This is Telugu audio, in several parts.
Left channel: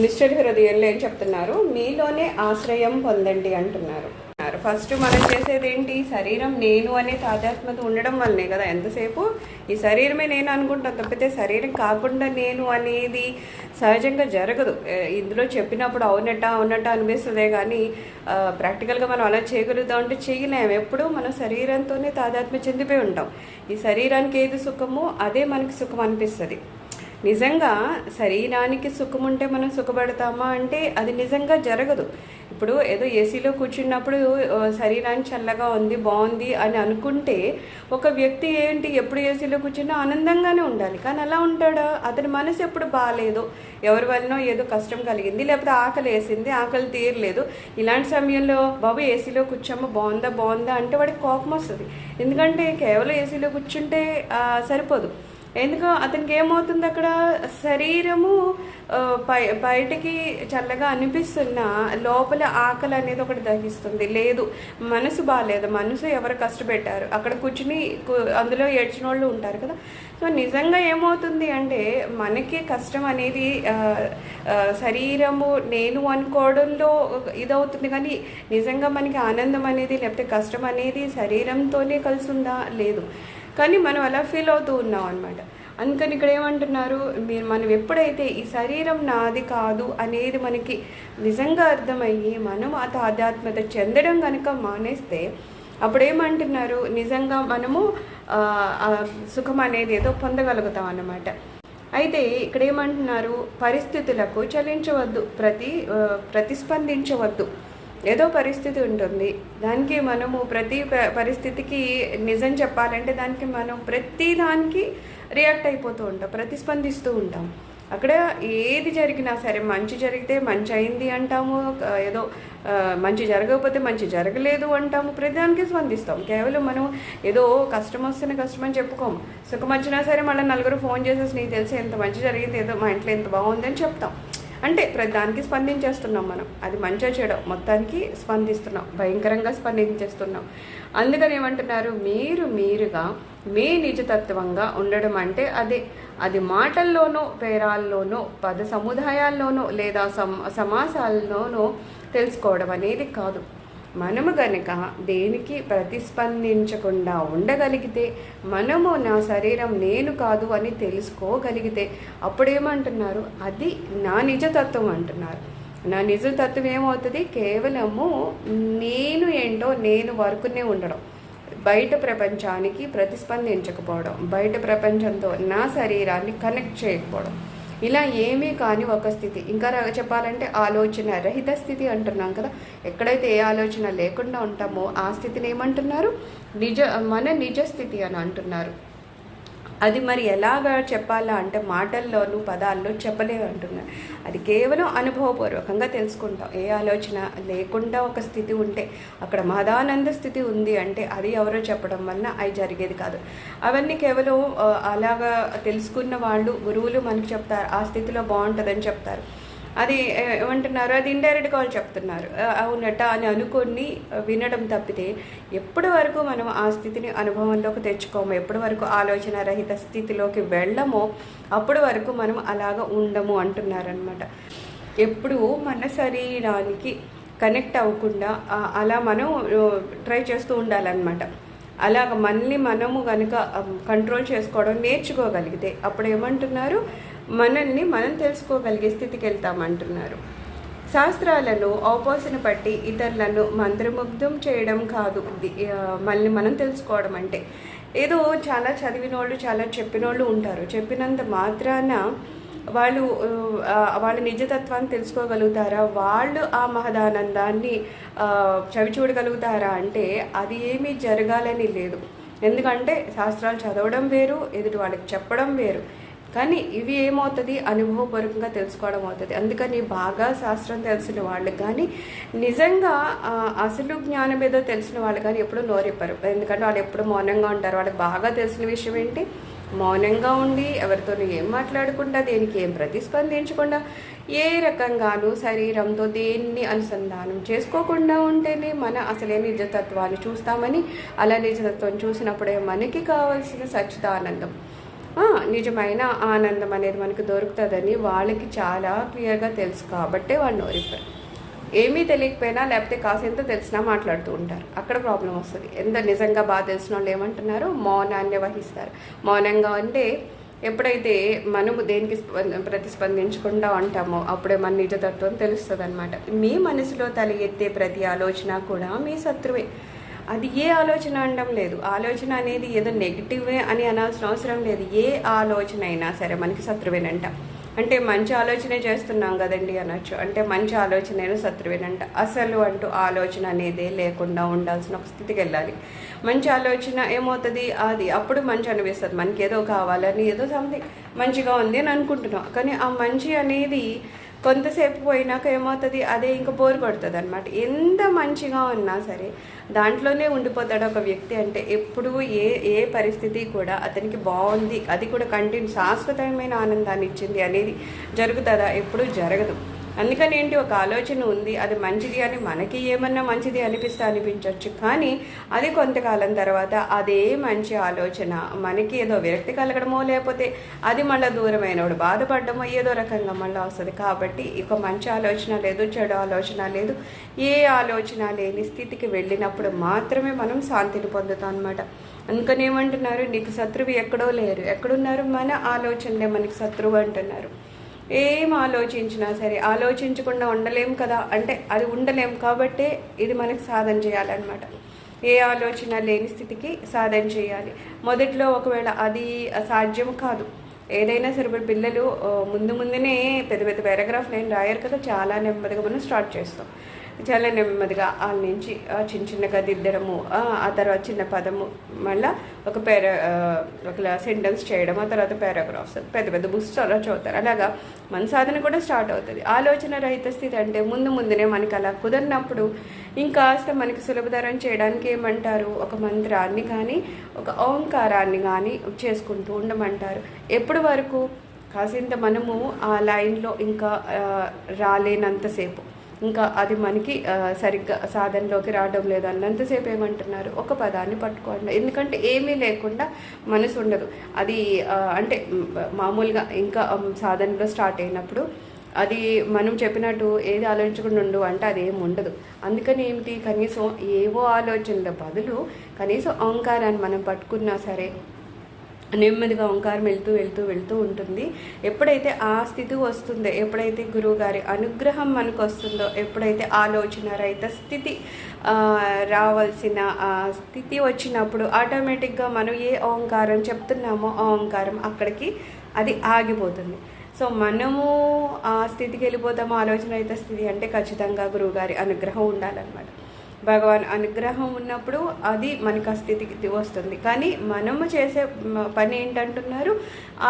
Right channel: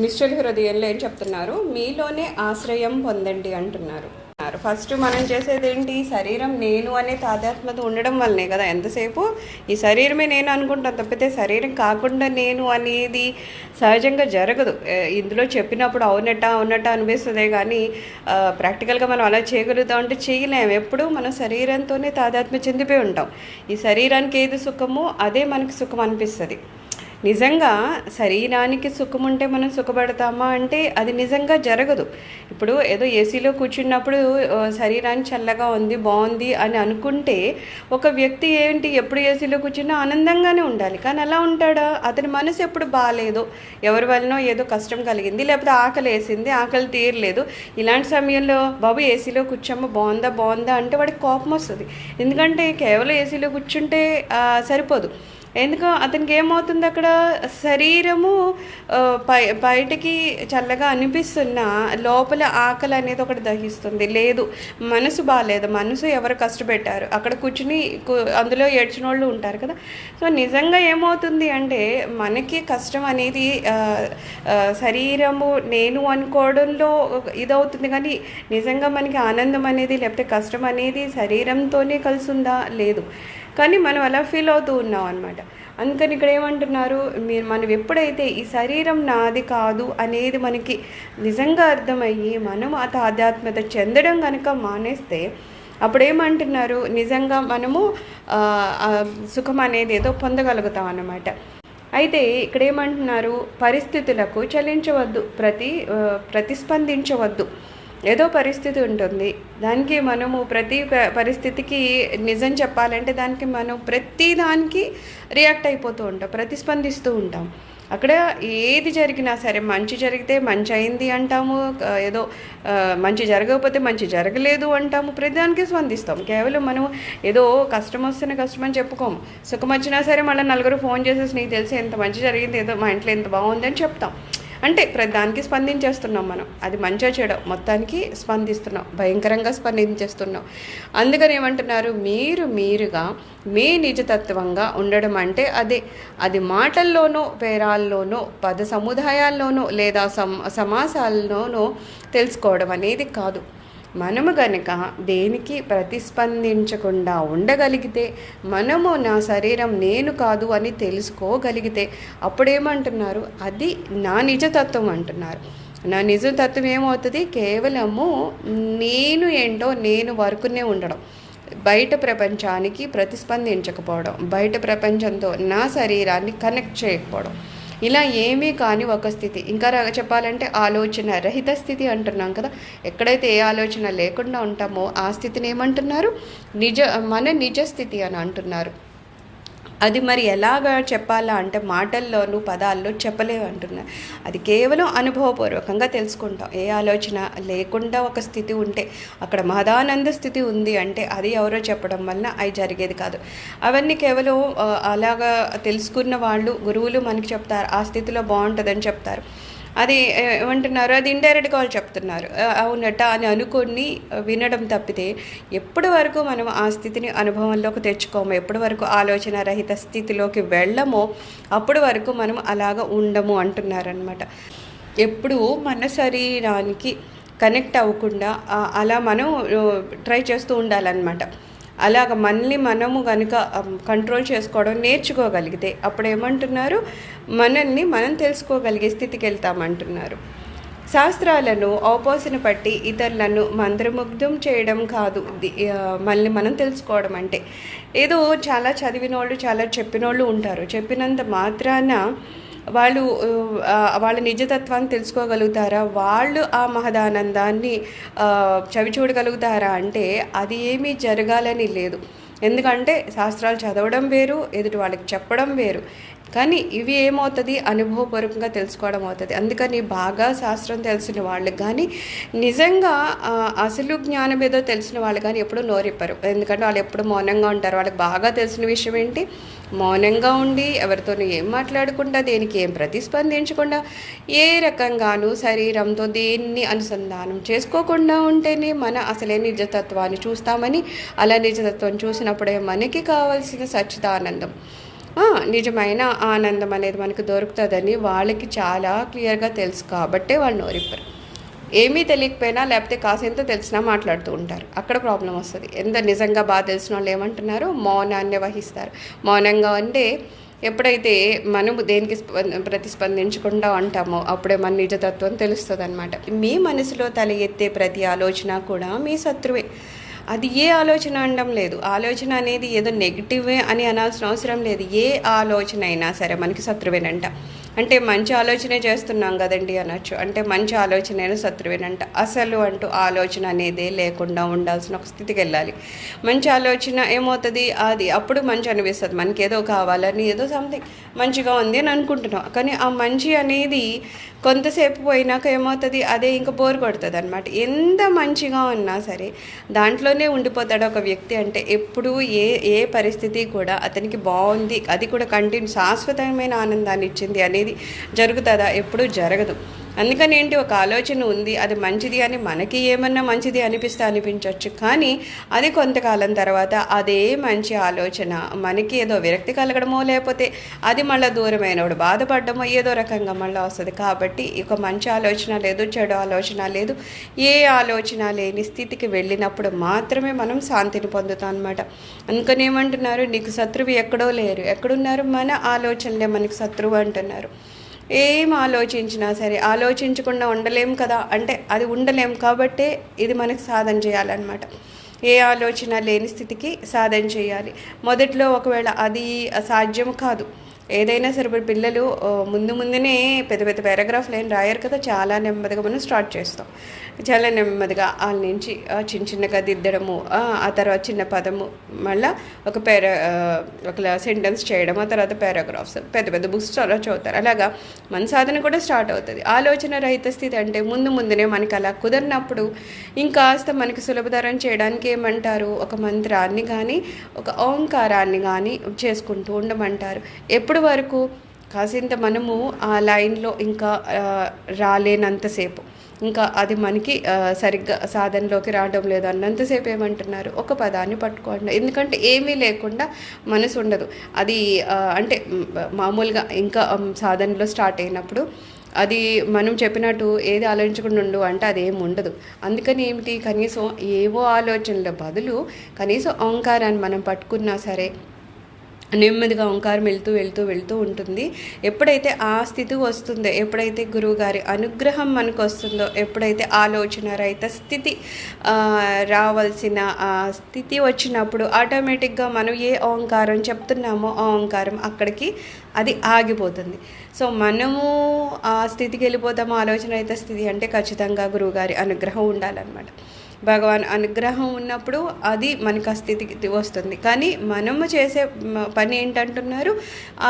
నిశ్చల హృదయంలో ఏం చెప్తున్నారు? మీలోనే ఆశ్రయం పొందండి అంటున్నారు. ఫస్ట్ మనం చేసేది ఏంటి? శరీరం నేను అనే తాదాత్మ్యత ఉండడం వల్లనే కదా ఎంతసేపు ఈ శరీరమే నేను అనుకుంటాను తప్పితే శరీరం కాకుండా నేను అనేది సహజంగా జరగదు. ఇందులో చెప్పినప్పుడు అవునట్ట అనిపిస్తుందే కానీ ప్రాక్టికల్గా మనం అలా చేయగలుగుతాం అంటే చేయలేము. ఎప్పుడు మనం శరీరంతోనే తాదాత్మ్యం చెందిపోయి ఉంటాం. ఈ శరీరానికి ఏది సుఖమో అదే మనకి సుఖం అనిపిస్తుంది. నిజంగా శరీరానికి సుఖం ఉంటే మనం సుఖపడతామా అంటే అది నిజంగా జరగదు. ఇప్పుడు ఏదో ఏసీలో కూర్చున్నప్పుడు శరీరానికి చల్లగా ఉంది బాగుంది అని అనుకుంటే ఒక వ్యక్తి ఏంటి ఎప్పుడు ఏసీలో కూర్చున్నా ఆనందంగానే ఉండాలి. కానీ అలా ఉంటాడా? అతని మనసు ఎప్పుడు బాగాలేదు, ఎవరి వలనో ఏదో కష్టం కలిగింది, లేకపోతే ఆకలి వేసింది, ఆకలి తీరలేదు. ఇలాంటి సమయంలో బాబు ఏసీలో కూర్చోమ్మ బాగుందా అంటే వాడికి కోపం వస్తుంది. ఎందుకంటే కేవలం ఏసీలో కూర్చుంటే సరిపోదు. ఎందుకు అతనికి ఏమవుతుంది? అక్కడ శరీరము బయటికి చల్లగా అనిపిస్తున్నా లోపల ఆకలి అనేది ఒకటి దహిస్తుంది. లేదు, మనసు బాగాలేదు, మనసు ఎవరు కష్టపెట్టారు అక్కడ కూర్చుని అందులో ఏడ్చిన వాళ్ళు ఉంటారు కదా. సో నిజంగా ఏమవుతుంది అంటే మనకి కష్టం అనేది శరీరము నేను అనుకోవడంలో ఇదవుతుంది. కానీ నిజంగా మనకి ఆనందం అనేది లేకపోతే కష్టం అనేది శరీరంతోనే కలిసి ఉందా? లేదు. కానీ మనం అలా ఫీల్ అవుతూ ఉన్నాం అనమాట. అందుకని ఇక్కడ ఏమంటున్నారు? మనం ఎప్పుడైతే ఈ శరీరం నాది కాదు అనేది మనకి నిజంగా అర్థమయ్యి మనం ఆ ఆధ్యాత్మికత చెందడం కనుక మానేస్తే అప్పుడు ఏమంటున్నారు? నిజంగా మనము సుఖం అనేది ఏదో పొందగలుగుతాం అన్నమాట. అయితే ఇక్కడ ఏమంటున్నారు? పరిస్థితులకు చలించవద్దు, ప్రతిస్పందించవద్దు. ఏదో పరిస్థితి ఉంటుంది, దానికి మనము ప్రతి పరిస్థితికి నిజం చెప్పాలంటే దానికి మనం ప్రతి దానికి రియాక్ట్ అయిపోతూ ఉంటాం, ప్రతిస్పందిస్తూ ఉంటాం. అక్కడ ఏది జరిగినా సరే మంచి జరిగితే మంచి అయింది అంటాము, ఏదో మంచి జరగకపోతే మంచి జరగలేదు అంటాము, ప్రతిదానికి స్పందిస్తాం. కేవలం మనం ఏదో కష్టం వస్తున్న కష్టం అని చెప్పుకోము. సుఖం వచ్చినా సరే మళ్ళీ నలుగురు ఫోన్ చేసేసి నీకు తెలిసి ఎంత మంచి జరిగింది, ఏదో మా ఇంట్లో ఎంత బాగుంది అని చెప్తాం. అంటే ప్రతిదానికి స్పందించేస్తున్నాం మనం. అది మంచిగా చేయడం మొత్తానికి స్పందిస్తున్నాం, భయంకరంగా స్పందించేస్తున్నాం. అందుకని ఏమంటున్నారు? మీరుగా మీ నిజతత్వంగా ఉండడం అంటే అది మాటల్లోనో పేరాల్లోనో పద సముదాయాల్లోనో లేదా సమాసాల్లోనో తెలుసుకోవడం అనేది కాదు. మనము గనక దేనికి ప్రతిస్పందించకుండా ఉండగలిగితే, మనము నా శరీరం నేను కాదు అని తెలుసుకోగలిగితే అప్పుడేమంటున్నారు? అది నా నిజతత్వం అంటున్నారు. నా నిజతత్వం ఏమవుతుంది? కేవలము నేను ఏంటో నేను వరకునే ఉండడం, బయట ప్రపంచానికి ప్రతిస్పందించకపోవడం, బయట ప్రపంచంతో నా శరీరాన్ని కనెక్ట్ చేయకపోవడం, ఇలా ఏమీ కాని ఒక స్థితి. ఇంకా చెప్పాలంటే ఆలోచన రహిత స్థితి అంటున్నాం కదా. ఎక్కడైతే ఏ ఆలోచన లేకుండా ఉంటామో ఆ స్థితిని ఏమంటున్నారు? మన నిజ స్థితి అని అంటున్నారు. అది మరి ఎలాగా చెప్పాలా అంటే మాటల్లోనూ పదాల్లో చెప్పలేవు అంటున్నారు. అది కేవలం అనుభవపూర్వకంగా తెలుసుకుంటాం. ఏ ఆలోచన లేకుండా ఒక స్థితి ఉంటే అక్కడ మహదానంద స్థితి ఉంది అంటే అది ఎవరో చెప్పడం వలన అవి జరిగేది కాదు. అవన్నీ కేవలం అలాగా తెలుసుకున్న వాళ్ళు గురువులు మనకి చెప్తారు, ఆ స్థితిలో బాగుంటుందని చెప్తారు. అది ఏమంటున్నారు? అది ఇండైరెక్ట్గా వాళ్ళు చెప్తున్నారు, అవునట అని అనుకొని వినడం తప్పితే ఎప్పటి వరకు మనం ఆ స్థితిని అనుభవంలోకి తెచ్చుకోము, ఎప్పటి వరకు ఆలోచన రహిత స్థితిలోకి వెళ్ళమో అప్పటి వరకు మనం అలాగ ఉండము అంటున్నారనమాట. ఎప్పుడు మన శరీరానికి కనెక్ట్ అవ్వకుండా అలా మనం ట్రై చేస్తూ ఉండాలన్నమాట. అలాగ మనము కనుక కంట్రోల్ చేసుకోవడం నేర్చుకోగలిగితే అప్పుడు ఏమంటున్నారు? మనల్ని మనం తెలుసుకోగలిగే స్థితికి వెళ్తామంటున్నారు. శాస్త్రాలను ఔపాసన పట్టి ఇతరులను మంత్రముగ్ధం చేయడం కాదు మళ్ళీ మనం తెలుసుకోవడం అంటే. ఏదో చాలా చదివిన వాళ్ళు చాలా చెప్పిన వాళ్ళు ఉంటారు, చెప్పినంత మాత్రాన వాళ్ళ నిజతత్వాన్ని తెలుసుకోగలుగుతారా? వాళ్ళు ఆ మహదానందాన్ని చవి చూడగలుగుతారా అంటే అది ఏమీ జరగాలని లేదు. ఎందుకంటే శాస్త్రాలు చదవడం వేరు, ఎదుటి వాళ్ళకి చెప్పడం వేరు. కానీ ఇవి ఏమవుతుంది? అనుభవపూర్వకంగా తెలుసుకోవడం అవుతుంది. అందుకని బాగా శాస్త్రం తెలిసిన వాళ్ళు కానీ నిజంగా అసలు జ్ఞానం ఏదో తెలిసిన వాళ్ళు కానీ ఎప్పుడు నోరిప్పరు. ఎందుకంటే వాళ్ళు ఎప్పుడు మౌనంగా ఉంటారు. వాళ్ళకి బాగా తెలిసిన విషయం ఏంటి? మౌనంగా ఉండి ఎవరితో ఏం మాట్లాడకుండా, దేనికి ఏం ప్రతిస్పందించకుండా, ఏ రకంగానూ శరీరంతో దేన్ని అనుసంధానం చేసుకోకుండా ఉంటేనే మన అసలే నిజతత్వాన్ని చూస్తామని, అలా నిజతత్వం చూసినప్పుడే మనకి కావాల్సిన సచ్చిదానందం నిజమైన ఆనందం అనేది మనకు దొరుకుతుందని వాళ్ళకి చాలా క్లియర్గా తెలుసు కాబట్టే వాళ్ళు నోరిప్పరు. ఏమీ తెలియకపోయినా లేకపోతే కాసేంత తెలిసినా మాట్లాడుతూ ఉంటారు. అక్కడ ప్రాబ్లం వస్తుంది. ఎంత నిజంగా బాగా తెలిసిన వాళ్ళు ఏమంటున్నారు, మౌనాన్ని వహిస్తారు. మౌనంగా అంటే ఎప్పుడైతే మనము దేనికి ప్రతిస్పందించకుండా ఉంటామో అప్పుడే మన నిజతత్వం తెలుస్తుంది అనమాట. మీ మనసులో తల ఎత్తే ప్రతి ఆలోచన కూడా మీ శత్రువే. అది ఏ ఆలోచన అనడం లేదు. ఆలోచన అనేది ఏదో నెగిటివే అని అనాల్సిన అవసరం లేదు. ఏ ఆలోచన అయినా సరే మనకి శత్రువేనంట. అంటే మంచి ఆలోచనే చేస్తున్నాం కదండి అనొచ్చు. అంటే మంచి ఆలోచనైనా శత్రువేనంట. అసలు అంటూ ఆలోచన అనేదే లేకుండా ఉండాల్సిన ఒక స్థితికి వెళ్ళాలి. మంచి ఆలోచన ఏమవుతుంది, అది అప్పుడు మంచి అనిపిస్తుంది. మనకి ఏదో కావాలని ఏదో సంథింగ్ మంచిగా ఉంది అని అనుకుంటున్నాం. కానీ ఆ మంచి అనేది కొంతసేపు పోయినాక ఏమవుతుంది, అదే ఇంకా బోర్ కొడుతుంది అనమాట. ఎంత మంచిగా ఉన్నా సరే దాంట్లోనే ఉండిపోతాడు ఒక వ్యక్తి. అంటే ఎప్పుడూ ఏ పరిస్థితి కూడా అతనికి బాగుంది, అది కూడా శాశ్వతమైన ఆనందాన్ని ఇచ్చింది అనేది జరుగుతుందా? ఎప్పుడూ జరగదు. అందుకని ఏంటి, ఒక ఆలోచన ఉంది, అది మంచిది అని మనకి ఏమన్నా మంచిది అనిపించవచ్చు. కానీ అది కొంతకాలం తర్వాత అదే మంచి ఆలోచన మనకి ఏదో విరక్తి కలగడమో లేకపోతే అది మళ్ళీ దూరమైనప్పుడు బాధపడడమో ఏదో రకంగా మళ్ళీ వస్తుంది. కాబట్టి ఒక మంచి ఆలోచన లేదు, చెడు ఆలోచన లేదు, ఏ ఆలోచన లేని స్థితికి వెళ్ళినప్పుడు మాత్రమే మనం శాంతిని పొందుతాం అనమాట. అందుకని ఏమంటున్నారు, నీకు శత్రువు ఎక్కడో లేరు, ఎక్కడున్నారు, మన ఆలోచనలే మనకి శత్రువు అంటున్నారు. ఏం ఆలోచించినా సరే ఆలోచించకుండా ఉండలేం కదా, అంటే అది ఉండలేం కాబట్టే ఇది మనకి సాధన చేయాలన్నమాట. ఏ ఆలోచన లేని స్థితికి సాధన చేయాలి. మొదట్లో ఒకవేళ అది సాధ్యం కాదు. ఏదైనా సరే ఇప్పుడు పిల్లలు ముందునే పెద్ద పెద్ద పారాగ్రాఫ్లు ఏం రాయరు కదా, చాలా నెమ్మదిగా మనం స్టార్ట్ చేస్తాం. చాలా నెమ్మదిగా వాళ్ళ నుంచి చిన్నగా దిద్దడము, ఆ తర్వాత చిన్న పదము, మళ్ళీ ఒక సెంటెన్స్ చేయడం, ఆ తర్వాత పారాగ్రాఫ్స్, పెద్ద పెద్ద బుక్స్ చాలా చదువుతారు. అలాగా మన సాధన కూడా స్టార్ట్ అవుతుంది. ఆలోచన రహిత స్థితి అంటే ముందునే మనకి అలా కుదరినప్పుడు ఇంకాస్త మనకి సులభతరం చేయడానికి ఏమంటారు, ఒక మంత్రాన్ని కానీ ఒక ఓంకారాన్ని కానీ చేసుకుంటూ ఉండమంటారు. ఎప్పటి వరకు, కాసింత మనము ఆ లైన్లో ఇంకా రాలేనంతసేపు, ఇంకా అది మనకి సరిగ్గా సాధనలోకి రావడం లేదు అన్నంతసేపు ఏమంటున్నారు, ఒక పదాన్ని పట్టుకోండి. ఎందుకంటే ఏమీ లేకుండా మనసు ఉండదు. అది అంటే మామూలుగా ఇంకా సాధనలో స్టార్ట్ అయినప్పుడు అది మనం చెప్పినట్టు ఏది ఆలోచించకుండా ఉండు అంటే అదేం ఉండదు. అందుకని ఏమిటి, కనీసం ఏవో ఆలోచనల బదులు కనీసం ఓంకారాన్ని మనం పట్టుకున్నా సరే నెమ్మదిగా ఓంకారం వెళ్తూ ఉంటుంది. ఎప్పుడైతే ఆ స్థితి వస్తుందో, ఎప్పుడైతే గురువుగారి అనుగ్రహం మనకు వస్తుందో, ఎప్పుడైతే ఆలోచన రహిత స్థితి రావాల్సిన స్థితి వచ్చినప్పుడు ఆటోమేటిక్గా మనం ఏ ఓంకారం చెప్తున్నామో ఆ ఓంకారం అక్కడికి అది ఆగిపోతుంది. సో మనము ఆ స్థితికి వెళ్ళిపోతాము. ఆలోచన రహిత స్థితి అంటే ఖచ్చితంగా గురువుగారి అనుగ్రహం ఉండాలన్నమాట. భగవాన్ అనుగ్రహం ఉన్నప్పుడు అది మనకు ఆ స్థితికి వస్తుంది. కానీ మనము చేసే పని ఏంటంటున్నారు,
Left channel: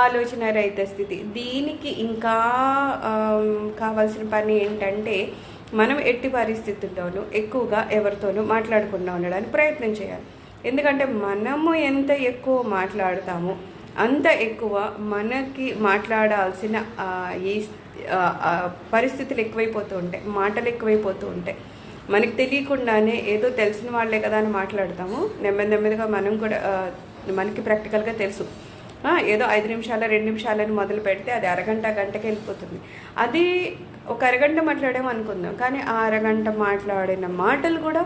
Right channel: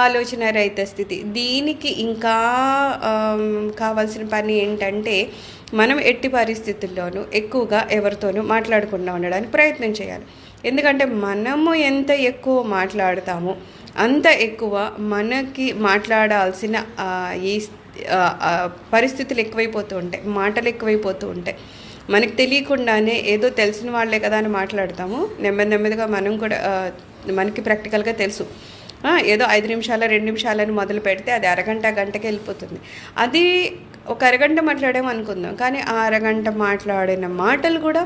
ఆలోచన రహిత స్థితి. దీనికి ఇంకా కావాల్సిన పని ఏంటంటే మనం ఎట్టి పరిస్థితుల్లోనూ ఎక్కువగా ఎవరితోనూ మాట్లాడకుండా ఉండడానికి ప్రయత్నం చేయాలి. ఎందుకంటే మనము ఎంత ఎక్కువ మాట్లాడతామో అంత ఎక్కువ మనకి మాట్లాడాల్సిన ఈ పరిస్థితులు ఎక్కువైపోతూ ఉంటాయి, మాటలు ఎక్కువైపోతూ ఉంటాయి. మనకి తెలియకుండానే ఏదో తెలిసిన వాళ్ళే కదా అని మాట్లాడతాము. నెమ్మదిగా మనం కూడా మనకి ప్రాక్టికల్గా తెలుసు, ఏదో 5 నిమిషాలు 2 నిమిషాలని మొదలు పెడితే అది గంటకి వెళ్ళిపోతుంది. అది ఒక అరగంట మాట్లాడాము అనుకుందాం, కానీ ఆ అరగంట మాట్లాడిన మాటలు కూడా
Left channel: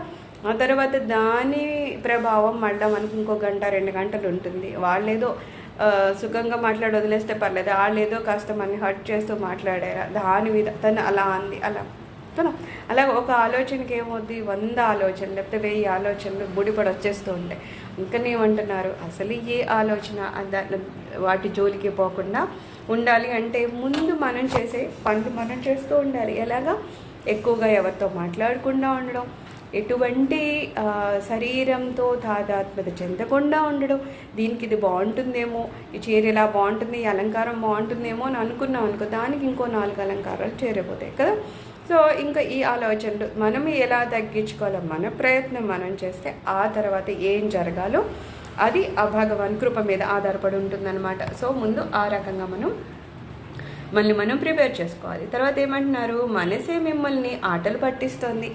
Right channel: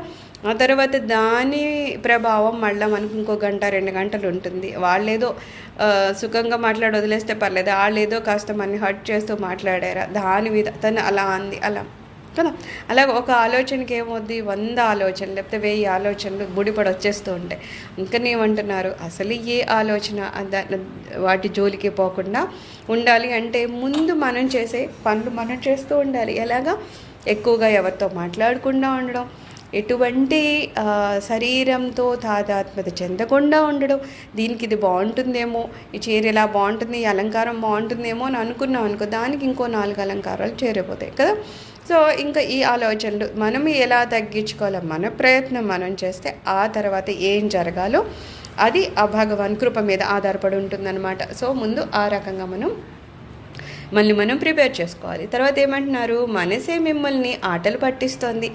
ఆ తర్వాత దాని ప్రభావం మళ్ళీ మనకు ఇంకో 1-2 గంటలు ఉంటుంది. వాళ్ళేదో సుఖంగా మాట్లాడి వదిలేస్తే పర్లేదు, వాళ్ళేదో కాస్త మనని హర్ట్ చేస్తూ మాట్లాడారా దాని మీద తను అలా అంది అలా కదా. అలాగ ఒక ఆలోచనకి ఏమవుద్ది, 100 ఆలోచనలు లేకపోతే 1000 ఆలోచనలు బుడిపడి వచ్చేస్తూ ఉంటాయి. అందుకని ఏమంటున్నారు, అసలు ఏ ఆలోచన వాటి జోలికి పోకుండా ఉండాలి అంటే ముందు మనం చేసే పనులు మనం చేస్తూ ఉండాలి. ఎలాగా, ఎక్కువగా ఎవరితో మాట్లాడకుండా ఉండడం, ఎటువంటి శరీరంతో తాదాత్మ్యత చెందకుండా ఉండడం. దీనికి ఇది బాగుంటుందేమో, ఈ చీర ఇలా బాగుంటుంది, ఈ అలంకారం బాగుంటుందేమో అని అనుకున్నాం అనుకో, దానికి ఇంకో 4 అలంకారాలు చేరిపోతాయి కదా. సో ఇంకా ఈ ఆలోచనలు మనం ఎలా తగ్గించుకోవాలో మన ప్రయత్నం మనం చేస్తే ఆ తర్వాత ఏం జరగాలో అది ఆ భగవాన్ కృప మీద ఆధారపడి ఉంటుందన్నమాట. సో ముందు ఆ రకంగా మనం ప్రిపేర్ చేసుకోవాలి. తర్వాత ఏమంటున్నారు, మనసే మిమ్మల్ని ఆటలు పట్టిస్తుంది.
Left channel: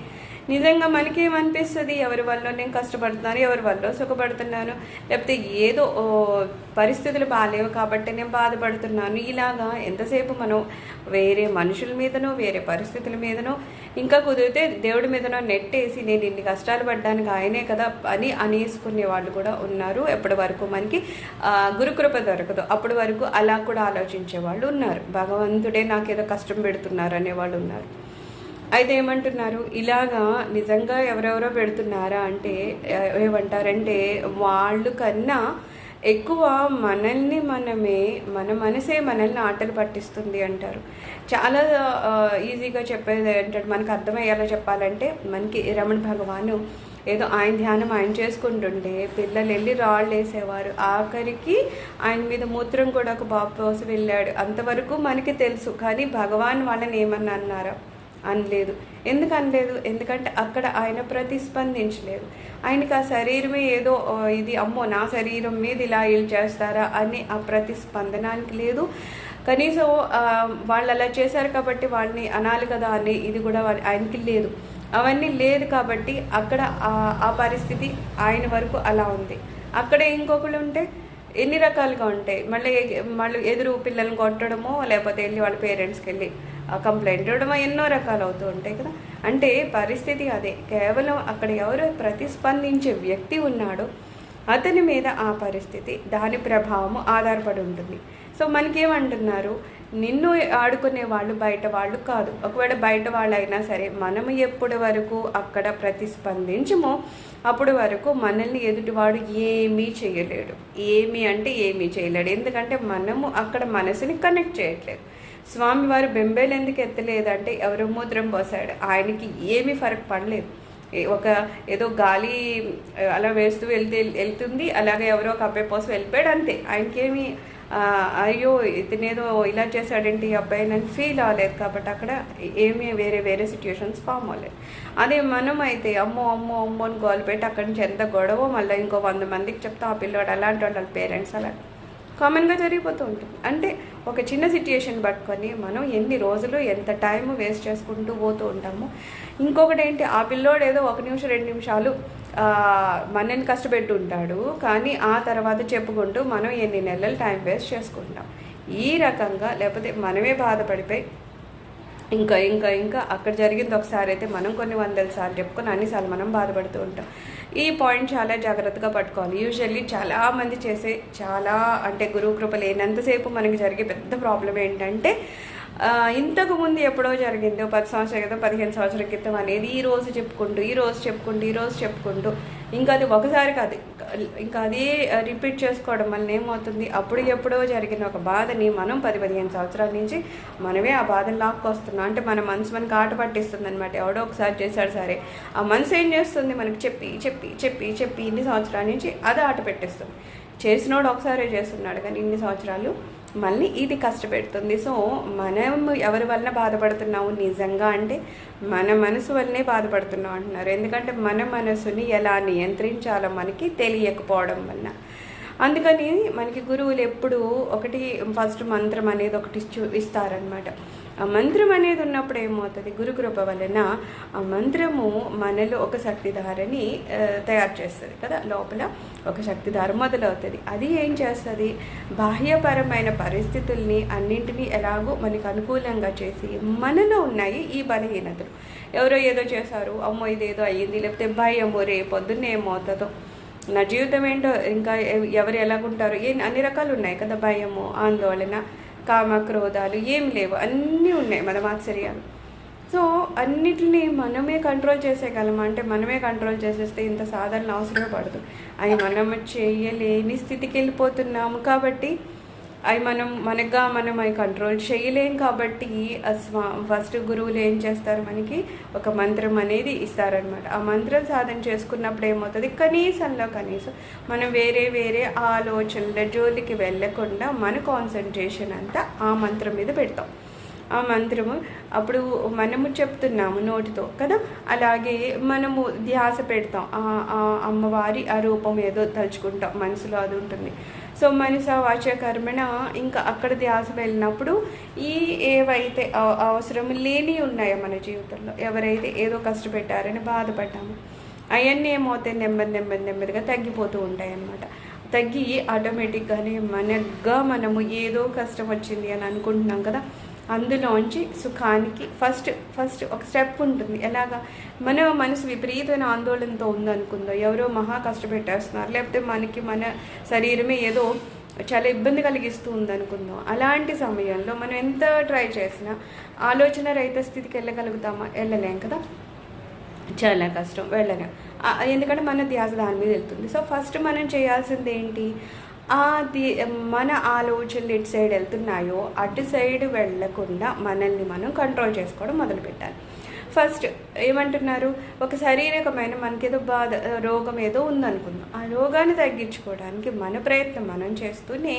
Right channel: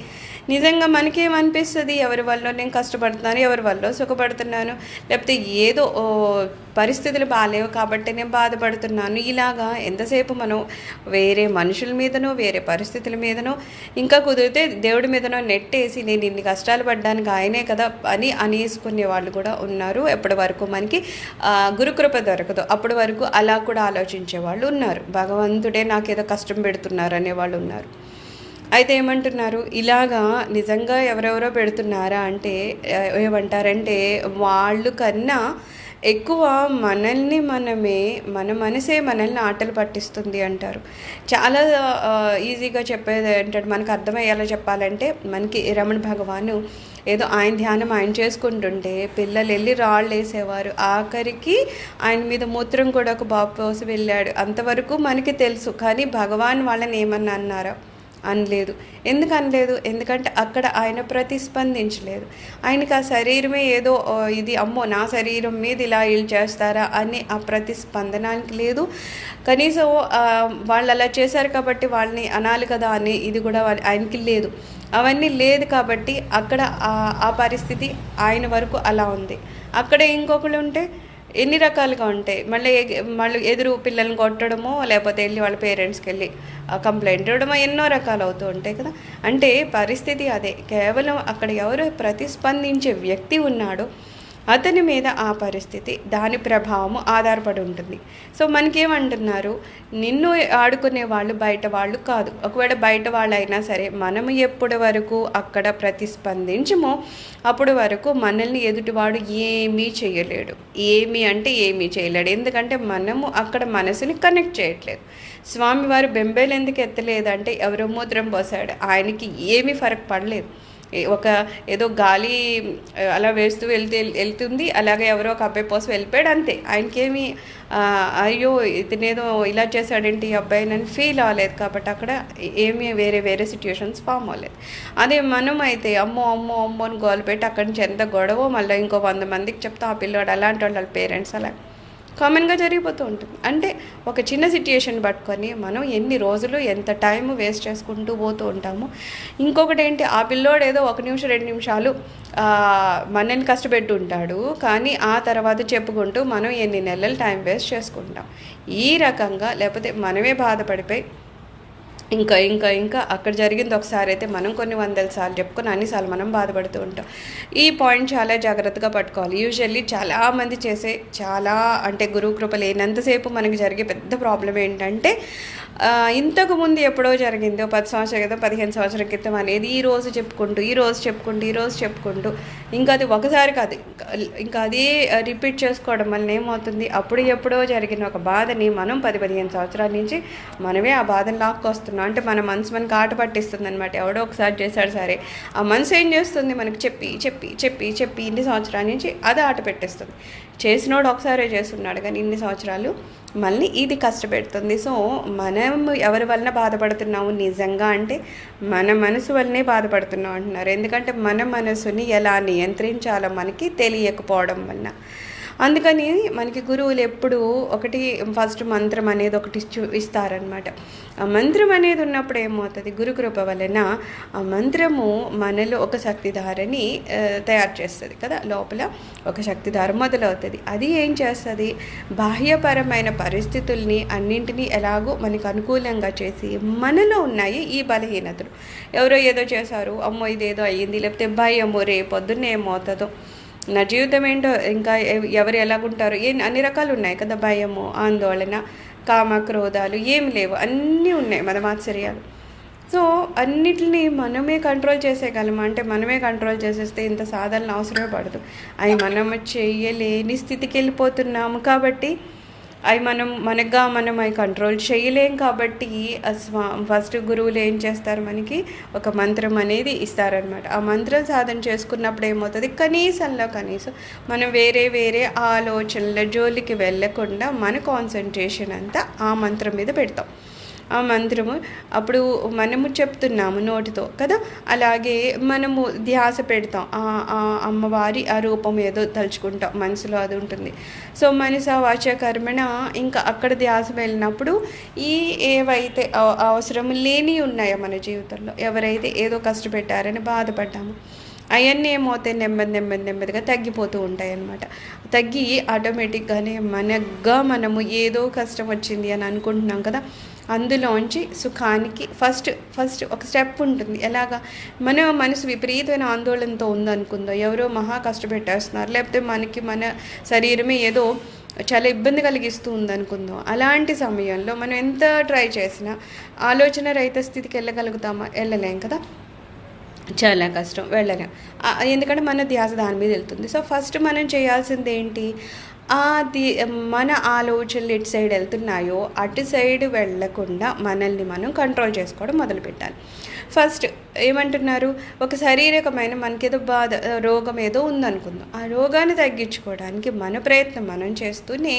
నిజంగా మనకేమనిపిస్తుంది, ఎవరి వల్ల నేను కష్టపడుతున్నాను, ఎవరి వల్ల సుఖపడుతున్నాను, లేకపోతే ఏదో పరిస్థితులు బాగాలేవు కాబట్టి నేను బాధపడుతున్నాను. ఇలాగా ఎంతసేపు మనం వేరే మనుషుల మీదనో వేరే పరిస్థితుల మీదనో ఇంకా కుదిరితే దేవుడి మీదనో నెట్టేసి నేను ఇన్ని కష్టాలు పడ్డానికి ఆయనే కదా అని అనేసుకునే వాళ్ళు కూడా ఉన్నారు. ఎప్పటి వరకు మనకి గురుకృప దొరకదు అప్పటి వరకు అలా కూడా ఆలోచించే వాళ్ళు ఉన్నారు. భగవంతుడే నాకేదో కష్టం పెడుతున్నారు అనేవాళ్ళు ఉన్నారు. అయితే ఏమంటున్నారు, ఇలాగా నిజంగా ఎవరెవరో పెడుతున్నారా అంటే ఏమంటారంటే వాళ్ళు కన్నా ఎక్కువ మనల్ని మన మనసే మనల్ని ఆటలు పట్టిస్తుంది అంటారు. చాలా ఈజీగా చెప్పేది ఏంటంటే మనకు అర్థమయ్యేలా చెప్పాలంటే మనకి రమణ భగవాను ఏదో ఆయన ధ్యానం ఆయన చేసుకుంటుంటే పిల్లలు వెళ్ళి రాళ్ళు వేసేవారు. ఆఖరికి ఆయన మీద మూత్రం కూడా ఒక బాబు పోసి వెళ్ళాడు. అంతవరకు మనకి తెలుసు. కానీ భగవాన్ వాళ్ళని ఏమన్నా అన్నారా? అనలేదు. ఎందుకు అనలేదు? ఎందుకంటే అక్కడ ఆయన ప్రతిస్పందించలేదు. ఆయనకి ఆ శరీరమే ఏదో ఇది అమ్మో నా శరీరం మీద ఇలా వీళ్ళు చేస్తారా అని ఆ ప్రతిస్పందనానికి లేదు. కనీసం వాళ్ళు అలా చేశారు కాబట్టి వాళ్ళని అనాలి కదా అని ఇది కూడా ఆయనకి లేదు. అవన్నీ లేదు కాబట్టి అక్కడ ఆ పరిస్థితి ఆయన వరకు అలా ఉంది. అక్కడ ఇంకొకళ్ళు ఉంటే ఎన్ని రకాలుగా ఉంటాయి. మళ్ళీ ఎదురు పిల్లల్ని కొట్టడమో లేకపోతే వెళ్ళి వాళ్ళ పేరెంట్స్కి వెళ్ళి కంప్లైంట్ ఇవ్వడమో ఎన్నో రకాలు అవుతూ ఉంటాయి కదా. అంటే పరిస్థితి అదే. కేవలం అక్కడ ఎవరు ప్రతిస్పందించే వ్యక్తి ఉన్నాడో అతని మీద ఆ పరిస్థితి దాని ప్రభావం ఆధారపడి ఉంటుంది. సో మనకేమంటున్నారు, నిన్ను ఆడుకునే వాళ్ళు బయట వాళ్ళు కాదు. ఒకవేళ బయట వాళ్ళు అయినా సరే మనము ఎప్పటి వరకు అక్కడ ప్రతిస్పందించమో అప్పటి వరకు మనల్ని ఎదుటివాడు ఏమీ చేయలేడు. ఏమీ అంటే ఏమీ చేయలేడు. ఎందుకంటే మనము అక్కడ మనసుని కనెక్ట్ చేయట్లేదు. స్వామివారు బెంబేలు ఎందుకు ఎత్తలేదంటే ఎవరో మూత్రం పోసాడు, ఆయనకి ఏమీ ఫరక్ పడలేదు. ఒక ఏదో గాలి అలా వేస్తూ వెళ్తుంది, అలాగే ఎవరో ఒక అబ్బాయి పోసి వెళ్ళిపోయాడు అంతే. ఆయనకేమి అయ్యో ఇతనేదో ఇలా చేశాడేంటి ఈ అబ్బాయి అని ఫీల్ అవ్వలేదు. కాబట్టి అక్కడ ఏమీ వేరే సిచ్యుయేషన్స్ ఫామ్ అవ్వలేదు. అదే మనం అయితే అమ్మో అమ్మో అమ్మో అని గోలు పెట్టి అక్కడి నుంచి ఎంత గొడవ మళ్ళీ ఇంకో 100 మందికి చెప్తాం ఆ పిల్లోడు అలాంటి వాళ్ళ పేరెంట్స్ అలా కామన్గా జరిగిపోతూ ఉంటుంది. అంటే ఒక చిన్న సిచ్యుయేషన్ పట్టుకొని మనం ఎన్ని రోజులు ఎంత టైం వేస్ట్ చేసుకుంటూ పోతూ ఉంటాము. ఇంకొకటి ఏంటి, ఆ పిల్లోడు ఏదో 1 నిమిషం 2 నిమిషాలు మనల్ని కష్టపెట్టి ఉంటాడు, కానీ ఆ తర్వాత చెప్పుకుంటూ మనం ఎన్ని నెలలు టైం వేస్ట్ చేసుకుంటాం. ఈ రకంగా లేకపోతే మనమే బాధపడిపోయి ఇంకా అక్కడ జరిగింది ఒకసారి అయితే మనం కొన్ని 100 సార్లు చెప్పుకొని అన్నిసార్లు మనం బాధపడుతూ ఉంటాం. ఈ పాయింట్ చాలా జాగ్రత్తగా పట్టుకోవాలి. యూజువల్లీ చాలామంది చేసే అంటే గురువు కృప లేనంతసేపు మనకి జరిగే పెద్ద ప్రాబ్లం ఏంటంటే ఇంతకుముందు ఎప్పుడో జరిగిందో 10 సంవత్సరాల క్రితం 15 సంవత్సరాల క్రితం అనేది ఈరోజు చెప్పుకుంటూ ఇంకా అది ఒకసారి కాదు, ఇంకా అదే రిపీట్ చేసుకోవడం వల్ల ఏమవుతుంది, అప్పుడు ఎప్పుడో జరిగిన ఒక బాధని మనం 10-15 సంవత్సరాల నుంచి మనమే ఆ బాధను లాక్కొస్తున్నాం. అంటే మన మనసు మనకు ఆట పట్టిస్తుంది అనమాట. ఎవడో ఒకసారి చేశాడు సరే, ఆ మనసు ఏం చేస్తుంది, మనకు చెప్పి ఇన్ని సంవత్సరాల నుంచి అది ఆట పెట్టేస్తుంది. చేసినోడు ఒకసారే చేస్తున్నాడు కానీ ఇన్ని సంవత్సరాలు మళ్ళీ ఇది కష్టపెడుతుంది. సో మనం ఎవరి వలన బాధపడుతున్నాము నిజంగా అంటే మన మనసు వల్లనే బాధపడుతున్నాం అంటున్నారు. ఎందుకంటే మన మనసుని ఎలా నియంత్రించాలో మనకి తెలియకపోవడం వలన. అందుకని మనకి గురువులు ఎప్పుడు ఒకటి ఫస్ట్ మంత్రం అనేది ఒకటి ఇస్తారనమాట. ఆ మంత్రం అనేది ఉన్నప్పుడు ఏమవుతుంది, గురుకృప వలన ఆ మంత్రము మనలో ఒక శక్తిధారని తయారు చేస్తుంది కదా. లోపల ఒక శక్తిధార మొదలవుతుంది. అది ఏం చేస్తుంది, బాహ్యపరమైన పరిస్థితుల్ని అన్నింటినీ ఎలాగో మనకు అనుకూలంగా చేసి మనలో ఉన్నాయి ఈ బలహీనతలు. ఎవరో ఏదో చేశారు, అమ్మో ఇదేదో అయ్యింది, లేకపోతే భయము రేపొద్దున్న ఏమవుతుందో, నా జీవితం ఏంటో, ఇంకా ఎవరు ఎలాగుంటారు, అన్ని రకాలు ఉన్నాయి కదా. భయము, ఆందోళన, కామ, క్రోధాలు ఏమి లేవు, అన్నీ ఉన్నాయి, మదమాత్సర్యాలు. సో అన్నిటిని మనమే కంట్రోల్ చేసేయగలం. అంటే మనమే కంట్రోల్ చేసేస్తే ఇంత సాధన అవసరమే పడదు. అవి మనం చేయలేని స్థితికి వెళ్ళిపోతున్నాము. కాబట్టి అవి మనం అవి కంట్రోల్ చేయలేం. కాబట్టి ఫస్ట్ గురువులు ఏం చేస్తారు, మనకి ఒక మంత్రం అనేది ఇస్తారనమాట. ఆ మంత్రం సాధన చేసుకున్నప్పుడు ఏమవుతుంది, కనీసం మనం వేరే ఆలోచనల జోలికి వెళ్ళకుండా మన కాన్సన్ట్రేషన్ అంతా ఆ మంత్రం మీద పెడతాం. ఆ మంత్రము అప్పుడు మనము చెప్తున్నాము నోటితో కదా, అలాగే మనము ధ్యాస పెడతాం, అమ్మవారి ఆ రూపం ఏదో తలుచుకుంటాం, మనసులో అది ఉంటుంది. సో మనస వాచ కర్మణ ఇంకా అక్కడ ధ్యాస వెళ్ళినప్పుడు ఈ ఏవైతే అవసరం లేని ఉన్నాయో మన జీవితంలో, ఎవరైతే ఏదో కష్టపెట్టారని బాధపడ్డాము, అవన్నీ ఏమవుతాయి, నెమ్మదిగా తగ్గిపోతూ ఉంటాయి అన్నమాట. తగ్గి ఆటోమేటిక్గానే మనము ఏదో కష్టం వచ్చింది అని అనుకుంటున్నాం కదా, అందులోంచి సుఖానికి ఫస్ట్ ఒక స్టెప్ ఉంటుంది. ఎలాగా, మన మనసు విపరీతమైన ఆందోళనతో ఉందనుకుందో, ఎవరో మహా కష్టపెట్టేస్తున్నారు, లేకపోతే మన శరీరమే ఏదో చాలా ఇబ్బంది కలిగిస్తూ ఉందనుకుందాం. అలాంటి సమయంలో మనం ఎంత ట్రై చేసినా ఆలోచన రహిత స్థితికి వెళ్ళగలుగుతామా? వెళ్ళలేం కదా, చాలా కష్టం, వెళ్ళలేం. ఎందుకంటే మన ధ్యాస దాని మీద వెళ్తుంది. సో ఫస్ట్ మనం చేయాల్సింది ఏంటి, అది మన ఆలోచనలు ఎటు సైడ్ వెళ్తున్నాయో అటు సైడ్ వెళ్ళకుండా మనల్ని మనం కంట్రోల్ చేసుకోవడం మొదలుపెట్టాలి. ఫస్ట్ ఏమంటున్నారు, ఒక శారీరకమైన మనకేదో బాధ, రోగం ఏదో ఉందనుకుందాం, ఆ రోగాన్ని తగ్గించుకోవడానికి మన ప్రయత్నం మనం చేస్తూనే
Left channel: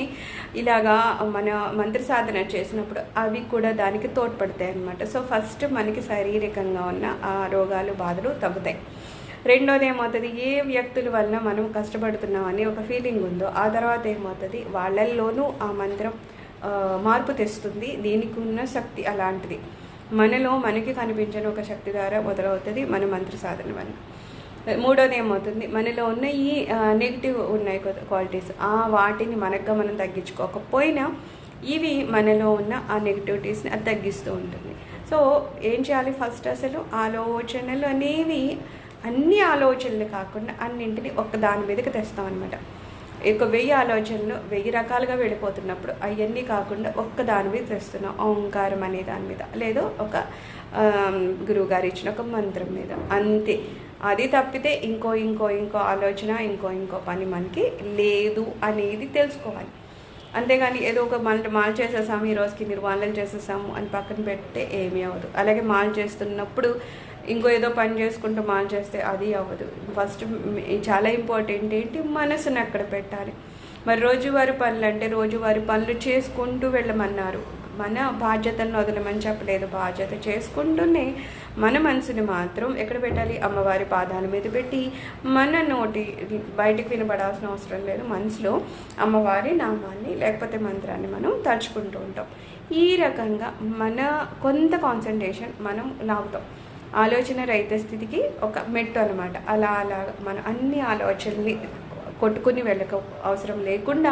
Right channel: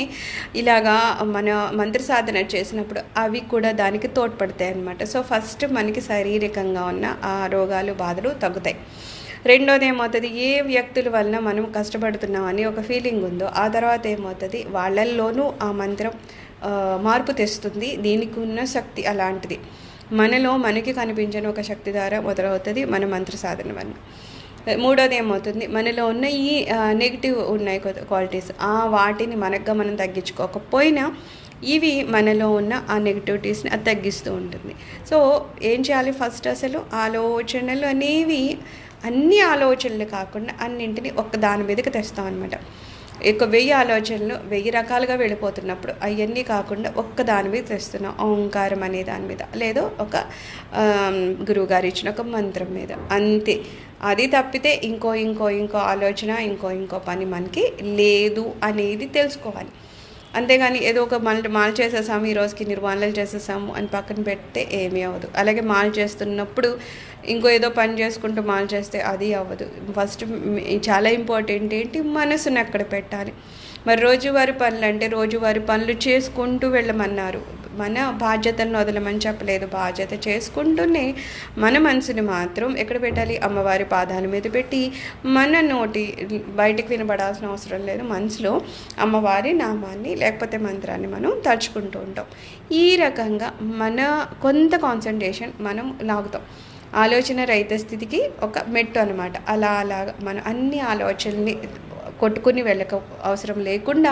ఇలాగా మన మంత్ర సాధన చేసినప్పుడు అవి కూడా దానికి తోడ్పడతాయి అన్నమాట. సో ఫస్ట్ మనకి శారీరకంగా ఉన్న ఆ రోగాలు, బాధలు తగ్గుతాయి. రెండోది ఏమవుతుంది, ఏ వ్యక్తుల వలన మనం కష్టపడుతున్నామని ఒక ఫీలింగ్ ఉందో, ఆ తర్వాత ఏమవుతుంది, వాళ్ళల్లోనూ ఆ మంత్రం మార్పు తెస్తుంది. దీనికి ఉన్న శక్తి అలాంటిది, మనకి కనిపించని ఒక శక్తి ద్వారా మొదలవుతుంది మన మంత్ర సాధన వల్ల. మూడోది ఏమవుతుంది, మనలో ఉన్న ఈ నెగిటివ్ ఉన్నాయి క్వాలిటీస్, వాటిని మనం తగ్గించుకోకపోయినా ఇవి మనలో ఉన్న ఆ నెగిటివిటీస్ని అది తగ్గిస్తూ ఉంటుంది. సో ఏం చేయాలి, ఫస్ట్ అసలు ఆలోచనలు అనేవి అన్ని ఆలోచనలు కాకుండా అన్నింటినీ ఒక్క దాని మీదకి తెస్తాం అనమాట. 1000 ఆలోచనలు 1000 రకాలుగా వెళ్ళిపోతున్నప్పుడు అవన్నీ కాకుండా ఒక్క దాని మీద తెస్తున్నాం, ఓంకారం అనే దాని మీద, లేదో ఒక గురువుగారు ఇచ్చిన ఒక మంత్రం మీద, అంతే. అది తప్పితే ఇంకో ఆలోచన, ఇంకో పని మనకి లేదు అనేది తెలుసుకోవాలి. అంతేగాని ఏదో ఒక మాల చేసేసాము, ఈ రోజుకి నిర్మాణాలు చేసేసాము అని పక్కన పెడితే ఏమీ అవ్వదు. అలాగే మాల చేస్తున్నప్పుడు ఇంకో ఏదో పని చేసుకుంటూ మాల చేస్తే అది అవ్వదు. ఫస్ట్ చాలా ఇంపార్టెంట్ ఏంటి, మనసుని అక్కడ పెట్టాలి. మరి రోజువారి పనులు అంటే రోజువారి పనులు చేసుకుంటూ వెళ్ళమన్నారు, మన బాధ్యతను వదలమని చెప్పలేదు. బాధ్యత చేసుకుంటూనే మన మనసుని మాత్రం ఎక్కడ పెట్టాలి, అమ్మవారి పాదాల మీద పెట్టి మన నోటి బయటికి వినపడాల్సిన అవసరం లేదు, మనసులో అమ్మవారి నామాన్ని లేకపోతే మంత్రాన్ని మనం తలుచుకుంటూ ఉంటాం. ఈ రకంగా మన కొంత కాన్సన్ట్రేషన్ మనం లాగుతాం. ఆలోచన రహిత స్థితికి ఒక మెట్టు అనమాట. అలాగా మనం అన్ని ఆలోచనల్ని కొట్టుకుని వెళ్ళక అవసరం లేకుండా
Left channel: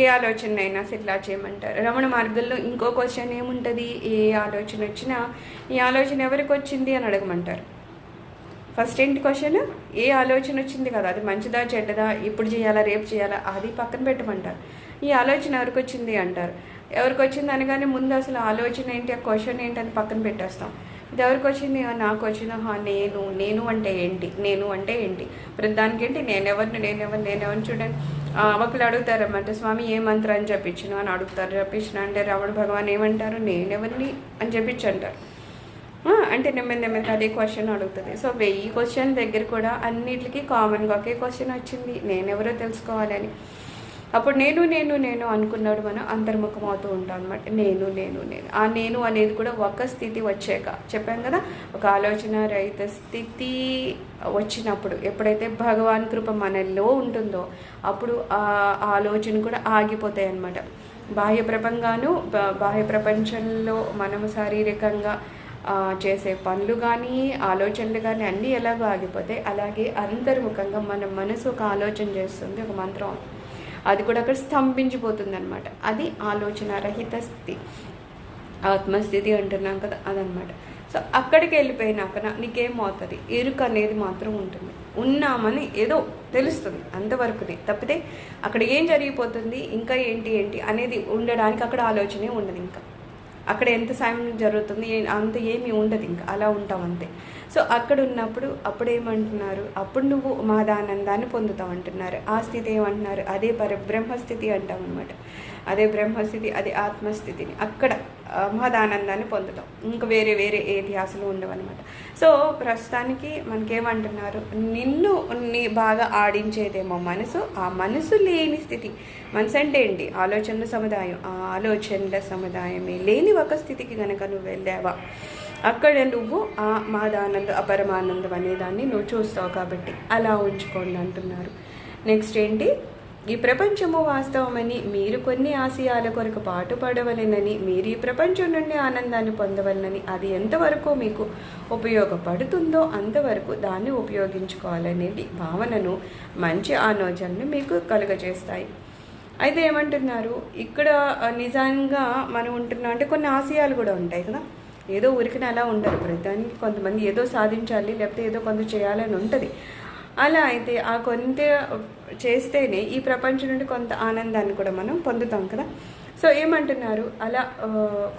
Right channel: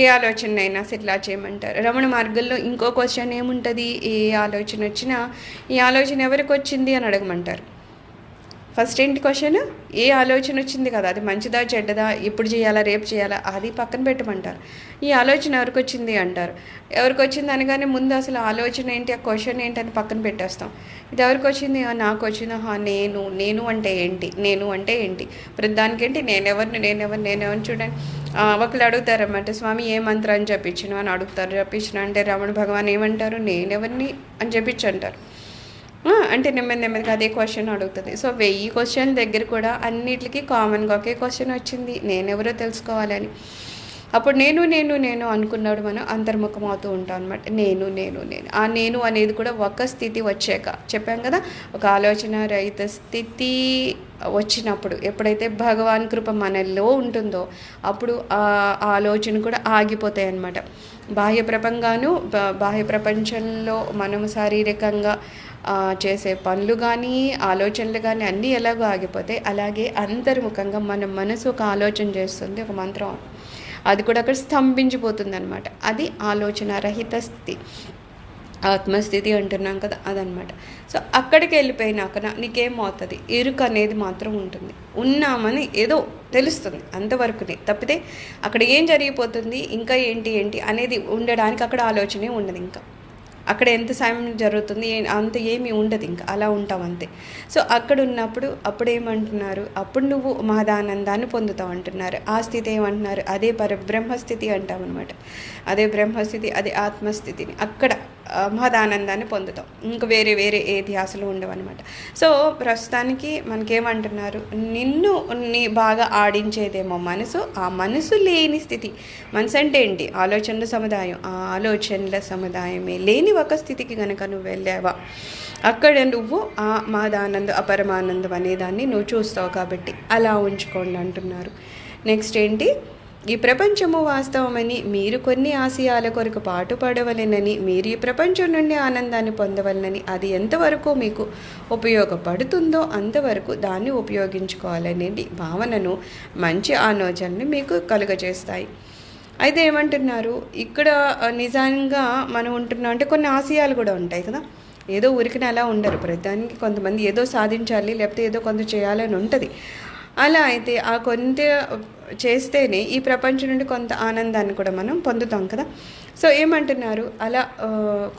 ఏ ఆలోచన అయినా ఇట్లా చేయమంటారు. రమణ మార్గంలో ఇంకో క్వశ్చన్ ఏముంటుంది, ఏ ఆలోచన వచ్చినా ఈ ఆలోచన ఎవరికి వచ్చింది అని అడగమంటారు. ఫస్ట్ ఏంటి క్వశ్చన్, ఏ ఆలోచన వచ్చింది కదా, అది మంచిదా చెడ్డదా, ఇప్పుడు చేయాలా రేపు చేయాలా, అది పక్కన పెట్టమంటారు. ఈ ఆలోచన ఎవరికి వచ్చింది అంటారు. ఎవరికి వచ్చింది అనగానే ముందు అసలు ఆలోచన ఏంటి, ఆ క్వశ్చన్ ఏంటి అని పక్కన పెట్టేస్తాం. ఇది ఎవరికి వచ్చింది, నాకు వచ్చింది, నేను అంటే ఏంటి, ప్రతిదానికి ఏంటి నేనెవరిని చూడండి. ఒకళ్ళు అడుగుతారన్నమాట, స్వామి ఏ మంత్రం అని చెప్పించను అని అడుగుతారు. చెప్పించిన అంటే రమణ భగవాన్ ఏమంటారు, నేనెవరిని అని చెప్పించి అంటారు. అంటే నెమ్మదిగా అదే క్వశ్చన్ అడుగుతుంది. సో 1000 క్వశ్చన్ దగ్గర కూడా అన్నిటికీ కామన్గా ఒకే క్వశ్చన్ వచ్చింది, నేనెవరో తెలుసుకోవాలని. అప్పుడు నేను అనుకున్నాడు మనం అంతర్ముఖం అవుతూ ఉంటాం అనమాట. నేను ఆ నేను అనేది కూడా ఒక స్థితి వచ్చాక చెప్పాం కదా, ఒక ఆలోచన రహిత స్థితి వచ్చినప్పుడు ఎప్పుడైతే భగవాన్ కృప మనలో ఉంటుందో అప్పుడు ఆ ఆలోచన కూడా ఆగిపోతాయి అన్నమాట. బాహ్య ప్రపంచంలో మనము శారీరకంగా చేసే పనులు కానీ ఆలోచనలు కానీ అన్నీ ఎలాగో ఆగిపోతాయి. అలాగే అంతర్ముఖంగా మన మనసు ఒక ఆలోచన చేస్తుంది, ఒక మంత్రం, అది కూడా అక్కడ స్తంభించిపోతుంది అనమాట. అది ఆలోచన రహిత స్థితి, ఆత్మస్థితి అంటున్నాం కదా, అదనమాట. సో అక్కడికి వెళ్ళిపోయినాక నీకేమవుతుంది, ఎరుక అనేది మాత్రం ఉంటుంది, ఉన్నామని ఏదో తెలుస్తుంది అంతవరకునే. తప్పితే అక్కడ ఏం జరిగిపోతుంది, ఇంకా ఏంటి అనేది ఉండడానికి అక్కడ ఆలోచనే ఉండదు. ఇంకా అక్కడ ఎంత సాయం జరుగుతుంది అంత ఏమీ ఉండదు, ఇంకా అలా ఉంటాం అంతే. సో అక్కడ ఉన్నప్పుడు అప్పుడు ఏమంటున్నారు, అప్పుడు నువ్వు మహదానందాన్ని పొందుతావు అంటున్నారు. ఆ స్థితి ఏమంటున్నారు, అదే పరబ్రహ్మస్థితి అంటాం అనమాట. అదే బ్రహ్మస్థితి, అదే ఆత్మస్థితిని అక్కడ మహదానందాన్ని పొందుతాం. ఇంకా వేరే వేరే ఏ ధ్యాసలు ఉండవన్నమాట. సో ప్రస్తుతానికి మనకేమంటున్నారు, నిన్ను బాగా ఆడించేదేమో మనసు. ఆ మనసు లేని స్థితి, మనసు అంటే ఏంటి? ఆలోచనల సముదాయం. ఆ ఆలోచనల సముదాయమే లేని ఒక స్థితికి కనుక నువ్వు వెళ్ళావా, అక్కడ నువ్వు ఆ మహదానందం, అపరమానందం అనేదాన్ని నువ్వు చూస్తావు. కాబట్టి అలా ఉంచుకోండి అంటున్నారు. నెక్స్ట్ ఏంటి? ఈ ప్రపంచము వాస్తవమని, మీరు కొన్ని ఆశయాల కొరకు పాటుపడవలెనని, మీరు ఈ ప్రపంచం నుండి ఆనందాన్ని పొందవలనని, అది ఎంతవరకు మీకు ఉపయోగపడుతుందో అంతవరకు దాన్ని ఉపయోగించుకోవాలనేది భావనను, మంచి ఆలోచనని మీకు కలుగజేస్తాయి. అయితే ఏమంటున్నారు ఇక్కడ, నిజంగా మనం ఉంటున్నాం అంటే కొన్ని ఆశయాలు కూడా ఉంటాయి కదా. ఏదో ఉరికిన అలా ఉండరు. ప్రతిదానికి కొంతమంది ఏదో సాధించాలి, లేకపోతే ఏదో కొంత చేయాలని ఉంటుంది. అలా అయితే ఆ కొంత చేస్తేనే ఈ ప్రపంచం నుండి కొంత ఆనందాన్ని కూడా మనం పొందుతాం కదా. సో ఏమంటున్నారు, అలా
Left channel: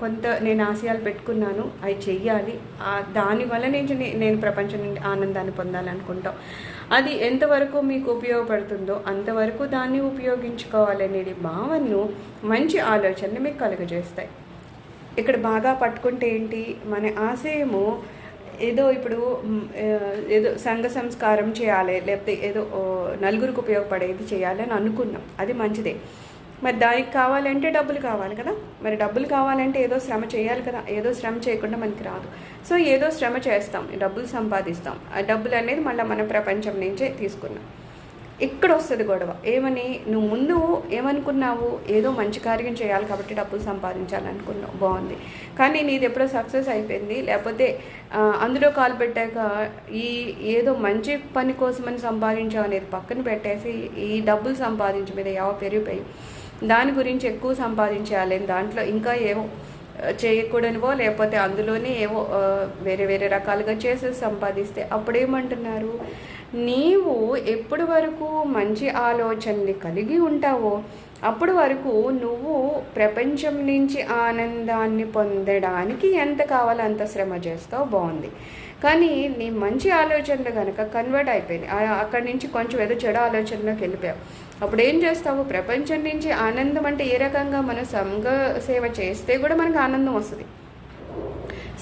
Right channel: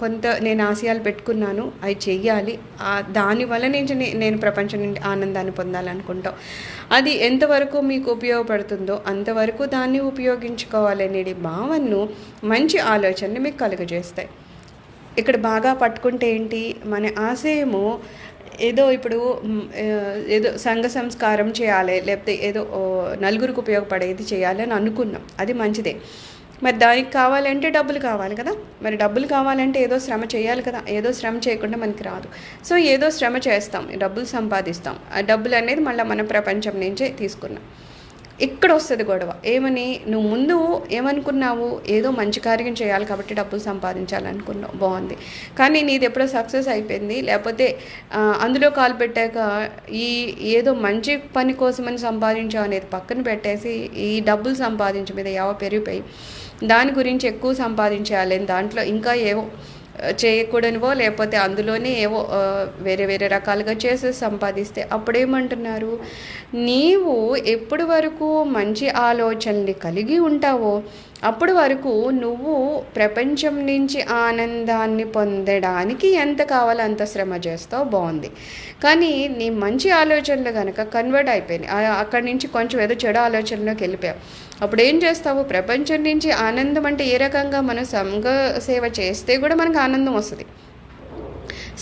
కొంత నేను ఆశయాలు పెట్టుకున్నాను, అవి చెయ్యాలి, దానివల్ల నేను ప్రపంచం నుండి ఆనందాన్ని పొందాలనుకుంటాం. అది ఎంతవరకు మీకు ఉపయోగపడుతుందో అంతవరకు దాన్ని ఉపయోగించుకోవాలనే భావనను, మంచి ఆలోచనలు మీకు కలుగజేస్తాయి. ఇక్కడ బాగా పట్టుకుంటే ఏంటి, మన ఆశయము ఏదో ఇప్పుడు ఏదో సంఘ సంస్కారం చేయాలి, లేకపోతే ఏదో నలుగురికి ఉపయోగపడేది చేయాలి అని అనుకున్నాం. అది మంచిదే. మరి దానికి కావాలంటే డబ్బులు కావాలి కదా. మరి డబ్బులు కావాలంటే ఏదో శ్రమ చేయాలి కదా. ఏదో శ్రమ చేయకుండా మనకి రాదు. సో ఏదో శ్రమ చేస్తాం, డబ్బులు సంపాదిస్తాం. ఆ డబ్బులు అనేది మళ్ళీ మన ప్రపంచం నుంచే తీసుకున్నాం. ఇక్కడ వస్తుంది గొడవ. ఏమని, నువ్వు ముందు ఏమనుకున్నావు, ఏదో మంచి కార్యం చేయాలి కాబట్టి డబ్బులు సంపాదించాలనుకున్నావు, బాగుంది. కానీ నీది ఎప్పుడో సక్సెస్ అయిపోయింది, లేకపోతే అందులో కాలు పెట్టాక ఏదో మంచి పని కోసమని సంపాదించావు అనేది పక్కన పెట్టేసి ఈ డబ్బులు సంపాదించే మీద పెరిగిపోయి దాని గురించి ఎక్కువ సంపాదించాలి, దాంట్లో ఇంకా ఏవో చేయకూడనివో లేకపోతే అందులోనే ఏవో వేరే వేరే రకాలుగా చేసి సంపాదిస్తే అప్పుడేమంటున్నారు, నీవు ఎప్పటి వరకు మంచి ఆలోచనలు కలిగి ఉంటావో అప్పటి వరకు నువ్వు ప్రపంచం నుంచి ఆనందాన్ని పొందడానికి ఎంత కావాలో అంత శ్రమ చేస్తావు, బాగుంది. కానీ నీ మంచి ఆలోచనలు కనుక కన్వర్ట్ అయిపోయినాయి, అక్కడి నుంచి కొంచెం ఏదో చెడు ఆలోచనలోకి వెళ్ళిపోయావు, అప్పుడు ఏం చేస్తావు, ప్రపంచం నుంచి ఆనందం అంటే ఏ రకంగా మనం సంఘ సేవ చేస్తే కూడా మనకు ఆనందం వస్తుంది.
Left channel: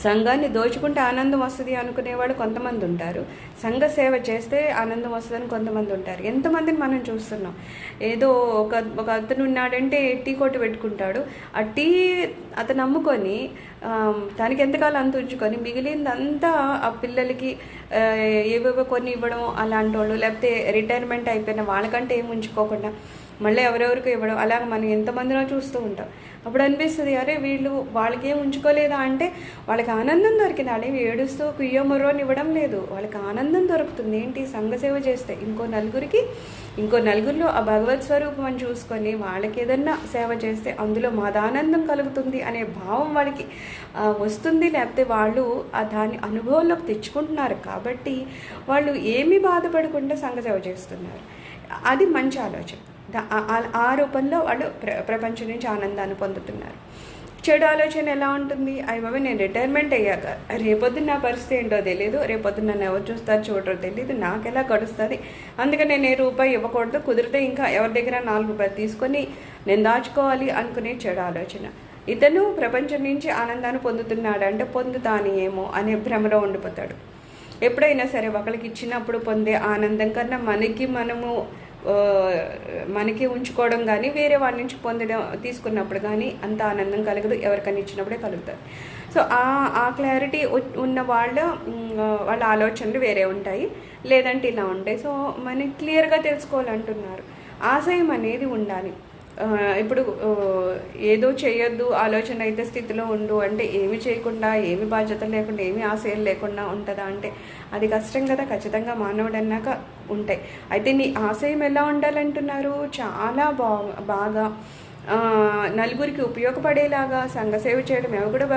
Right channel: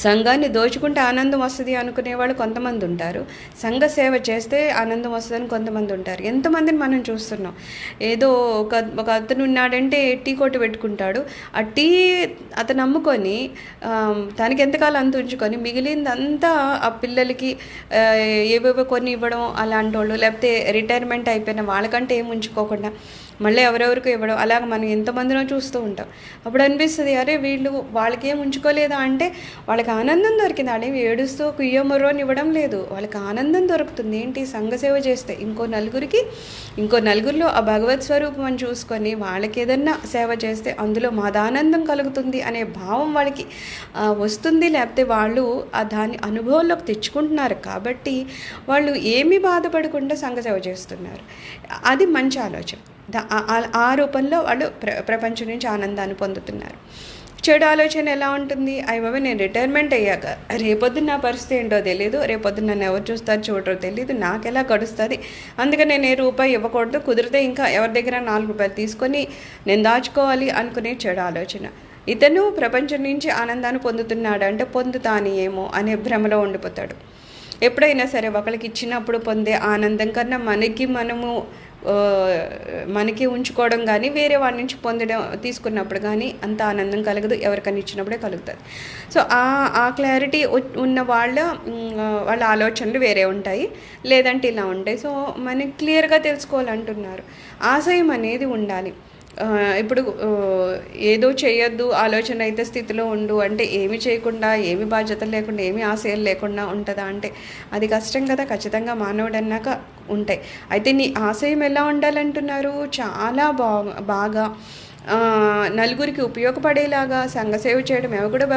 సంఘాన్ని దోచుకుంటే ఆనందం వస్తుంది అనుకునేవాళ్ళు కొంతమంది ఉంటారు. సంఘ సేవ చేస్తే ఆనందం వస్తుందని కొంతమంది ఉంటారు. ఎంతమందిని మనం చూస్తున్నాం. ఏదో ఒక అతను ఉన్నాడంటే టీ కొట్టు పెట్టుకుంటాడు. ఆ టీ అతను అమ్ముకొని తనకి ఎంతకాలం అంత ఉంచుకొని మిగిలిందంతా ఆ పిల్లలకి ఏవేవో కొన్ని ఇవ్వడం అలాంటి వాళ్ళు, లేకపోతే రిటైర్మెంట్ అయిపోయిన వాళ్ళకంటే ఏమి ఉంచుకోకుండా మళ్ళీ ఎవరెవరికో ఇవ్వడం, అలాగ మనం ఎంతమందినో చూస్తూ ఉంటాం. అప్పుడు అనిపిస్తుంది, అరే వీళ్ళు వాళ్ళకేం ఉంచుకోలేదా అంటే వాళ్ళకి ఆనందం దొరికింది. అడే ఏడుస్తూ కుయ్యో ముర్రోని ఇవ్వడం లేదు, వాళ్ళకి ఆనందం దొరుకుతుంది. ఏంటి, సంఘ సేవ చేస్తే ఇంకో నలుగురిలో ఆ భగవత్ స్వరూపం అని చూసుకొని వాళ్ళకి ఏదన్నా సేవ చేస్తే అందులో మదానందం కలుగుతుంది అనే భావం వాళ్ళకి వస్తుంది. లేకపోతే వాళ్ళు దాన్ని అనుభవంలోకి తెచ్చుకుంటున్నారు కాబట్టి వాళ్ళు ఏమీ బాధపడకుండా సంఘ సేవ చేస్తున్నారు. అది మంచి ఆలోచన. ఆ రూపంలో వాళ్ళు ప్రపంచం నుంచి ఆనందాన్ని పొందుతున్నారు. చెడు ఆలోచన ఎలా ఉంటుంది, అయ్యబాబా నేను రిటైర్మెంట్ అయ్యాక రేపొద్దున నా పరిస్థితి ఏంటో తెలియదు, రేపొద్దున నన్ను ఎవరు చూస్తారు చూడరో తెలియదు, నాకు ఎలా గడుస్తుంది, అందుకని నేను రూపాయి ఇవ్వకూడదు, కుదిరితే ఇంకా ఎవరి దగ్గర 4 రూపాయలు తీసుకొని నేను దాచుకోవాలి అనుకునే చెడు ఆలోచన. ఇతను ప్రపంచం నుంచి ఆనందాన్ని పొందుతున్నాడు అంటే పొందుతాని ఏమో అనే భ్రమలో ఉండిపోతాడు. ఎప్పుడైనా సరే ఒకరికి ఇచ్చినప్పుడు పొందే ఆనందం కన్నా మనకి ఉంచుకోవడం కానీ వేరే వాడి నుంచి తీసుకున్నప్పుడు కానీ అంత ఆనందం కలగదు, ఎవరికైనా ఇచ్చినప్పుడే కలుగుతుంది. సో ఆ క్లారిటీ ఉన్న వాళ్ళ ఆలోచనలు వేరే ఉంటాయి, లేదంటే ఇలా ఉంటాయి. సో మనకి క్లియర్గా తెలుసుకోవాలంటున్నారు. ఆశయం అనేది ఉండాలి. ఇప్పుడు ఏదో చేయొద్దు ఆలోచన అయితే స్థితిలో ఉండు అంటే ఏమి చేయకుండా, ఏమి బాధ్యతలు లేకుండా, ఏమి ఆశయాలు లేకుండా ఉంటుందా అంటే అది కష్టం కదా. ఖచ్చితంగా మానవుడు అన్నాక ఉంటాయి. అయితే నీ ఆశయం ఎలా ఉండాలంటున్నారు, చాలా బాగా నలుగురికి ఉపయోగపడేలాగా సంఘసేవ చేయడం ఏమో కూడా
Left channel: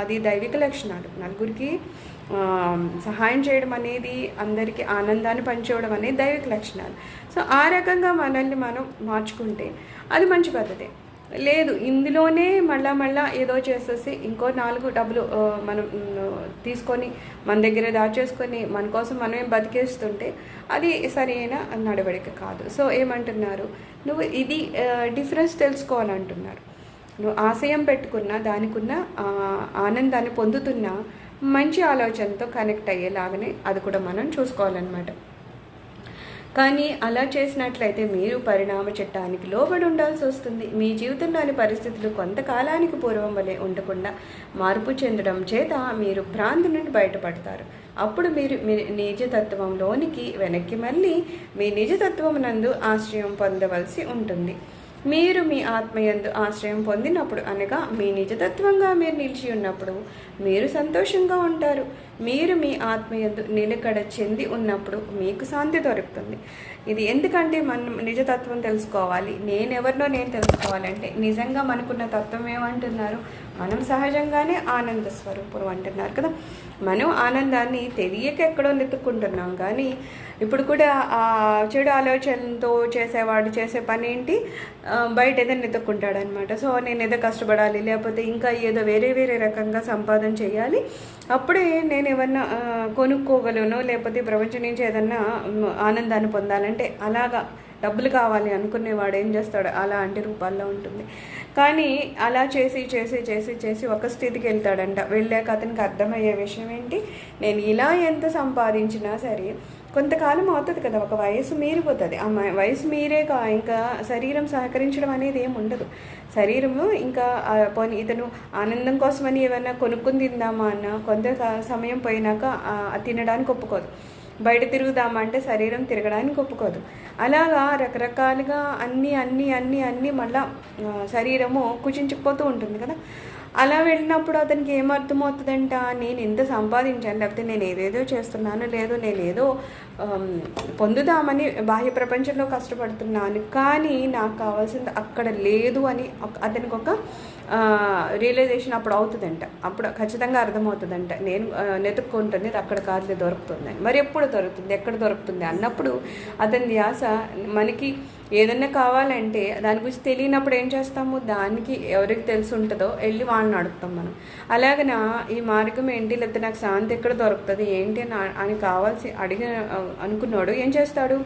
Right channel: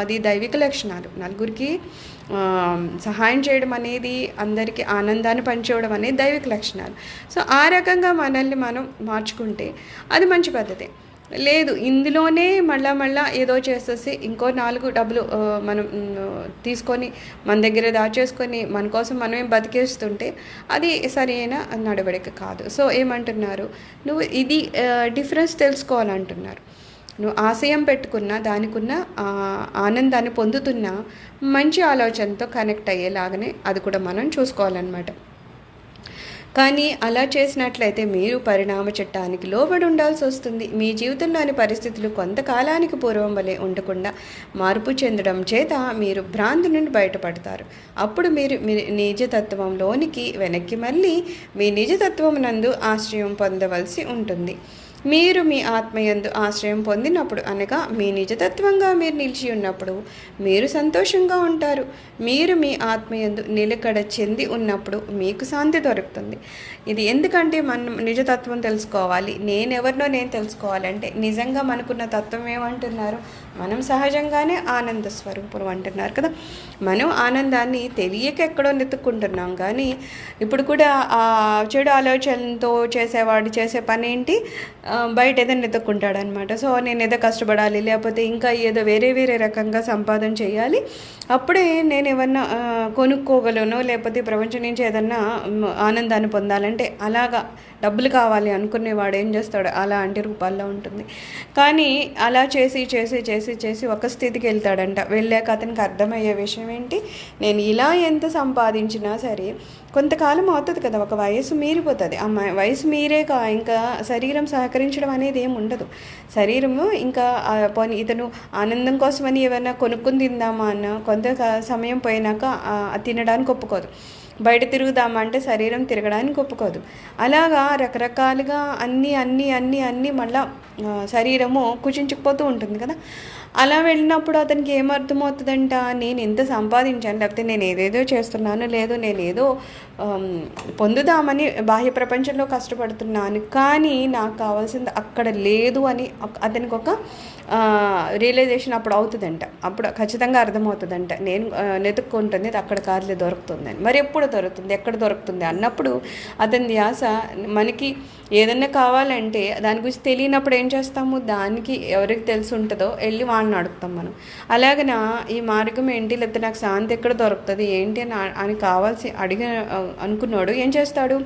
అది దైవిక లక్షణాలు. నలుగురికి సహాయం చేయడం అనేది, అందరికీ ఆనందాన్ని పంచడం అనేది దైవిక లక్షణాలు. సో ఆ రకంగా మనల్ని మనం మార్చుకుంటే అది మంచి పద్ధతి. లేదు ఇందులోనే మళ్ళా ఏదో చేసేసి ఇంకో 4 డబ్బులు మనం తీసుకొని మన దగ్గర దాచేసుకొని మన కోసం మనమే బతికేస్తుంటే అది సరైన నడవడిక కాదు. సో ఏమంటున్నారు, నువ్వు ఇది డిఫరెన్స్ తెలుసుకోవాలంటున్నారు. నువ్వు ఆశయం పెట్టుకున్నా దానికున్న ఆనందాన్ని పొందుతున్నా మంచి ఆలోచనతో కనెక్ట్ అయ్యేలాగానే అది కూడా మనం చూసుకోవాలన్నమాట. కానీ అలా చేసినట్లయితే మీరు పరిణామ చట్టానికి లోబడి ఉండాల్సి వస్తుంది. మీ జీవితంలోని పరిస్థితులు కొంతకాలానికి పూర్వం వలె ఉండకుండా మార్పు చెందడం చేత మీరు భ్రాంతి నుండి బయటపడతారు. అప్పుడు మీరు మీ నిజతత్వంలోనికి వెనక్కి మళ్ళీ మీ నిజతత్వం నందు ఆశ్రయం పొందవలసి ఉంటుంది. మీరు మీ ఆత్మయందు ఆశ్రయం పొందినప్పుడు, అనగా మీ నిజతత్వంగా మీరు నిలిచి ఉన్నప్పుడు మీరు సంతోషంగా ఉంటారు. మీరు మీ ఆత్మయందు నిలకడ చెంది ఉన్నప్పుడు మీకు శాంతి దొరుకుతుంది. ఇది ఎందుకంటే మనం నిజతత్వం తెలుసుకోవాలి. నేనెవరినో నేను తెలుసుకోవాలంటే నిజంగా మనకున్న తత్వం ఏమంటున్నారు? మనం సహజంగానే ఆనంద స్వరూపం అంటున్నారు కదా. మనం ఆనందాన్ని తెలియక ఎక్కడో నెత్తుక్కుంటున్నాం. కానీ ఇప్పుడు కూడా చెడు ఆలోచనతో చేసేవాడు చేసే పని ఏంటి? బయట ఏదో నెత్తుక్కుంటాడనమాట. సో నేను ఏదో కష్టపడాలి, లేకపోతే ఇంకా ఏదో వేరే వేరే రకంగా సంపాదన చేయాలి, అప్పుడే నేను ఏమన్నా కొనుక్కోగలను, లేకపోతే ప్రపంచం నుంచి ఏదన్నా ఆనందాన్ని పొందాలంటే అలాగా డబ్బులు కావాలి అనుకునేవాడు ఏం చేస్తాడు? అలాంటి రూపాల్లో ఉంటుంది. కానీ అలా చేసి చేసి చేసి చేసి ఒక స్థితికి వెళ్తాడంట. వెళ్ళాక అతనికి అర్థమయ్యే విషయం ఏంటి? నేను ఇలా ఎంత సంపాదించినా సరే కొంతకాలం అవుతుంది కదా, ఒక వయసు మీరిపోతుంది. ఆ వయసు మీరేక ఇంకా శరీరం సహకరించడం అనేది ఏమి ఉండదు. శరీరము ఇంకా పోనీ ఇతను ఆనందం కోసమని ఏమైనా కొనుక్కుని తిందామా అన్న కొంత సమయం పోయినాక తినడానికి ఒప్పుకోదు. బయట తిరుగుదామా అంటే శరీరం తిరగడానికి ఒప్పుకోదు. అలాగా రకరకాలుగా అన్నీ మళ్ళా శరీరము కుచించుకుపోతూ ఉంటుంది కదా. అలా వెళ్ళినప్పుడు అతనికి ఏమర్థమవుతుందంట? నేను ఎంత సంపాదించాను, లేకపోతే నేను ఏదేదో చేస్తున్నాను, లేదు నేనేదో పొందుదామని బాహ్య ప్రపంచంలో కష్టపడుతున్నాను, కానీ నాకు కావాల్సింది అక్కడ లేదు అని అతనికి ఒక రియలైజేషన్ అప్పుడు అవుతుందంట. అప్పుడు ఖచ్చితంగా అర్థమవుతుందంట, నేను నెతుక్కుంటుంది అక్కడ కాదులే దొరుకుతుందని. మరి ఎప్పుడు దొరుకుతుంది, ఎక్కడ దొరుకుతుంది అన్నప్పుడు అతని ధ్యాస మనకి ఏదన్నా కావాలంటే దాని గురించి తెలియనప్పుడు ఏం చేస్తాము? దానికి ఎవరికి తెలిసి ఉంటుందో వెళ్ళి వాడిని అడుగుతాం మనం. అలాగన ఈ మార్గం ఏంటి, లేకపోతే నాకు శాంతి ఎక్కడ దొరుకుతుంది ఏంటి అని కావాల్సి అనుకున్నాడు ఏం చేస్తాడు?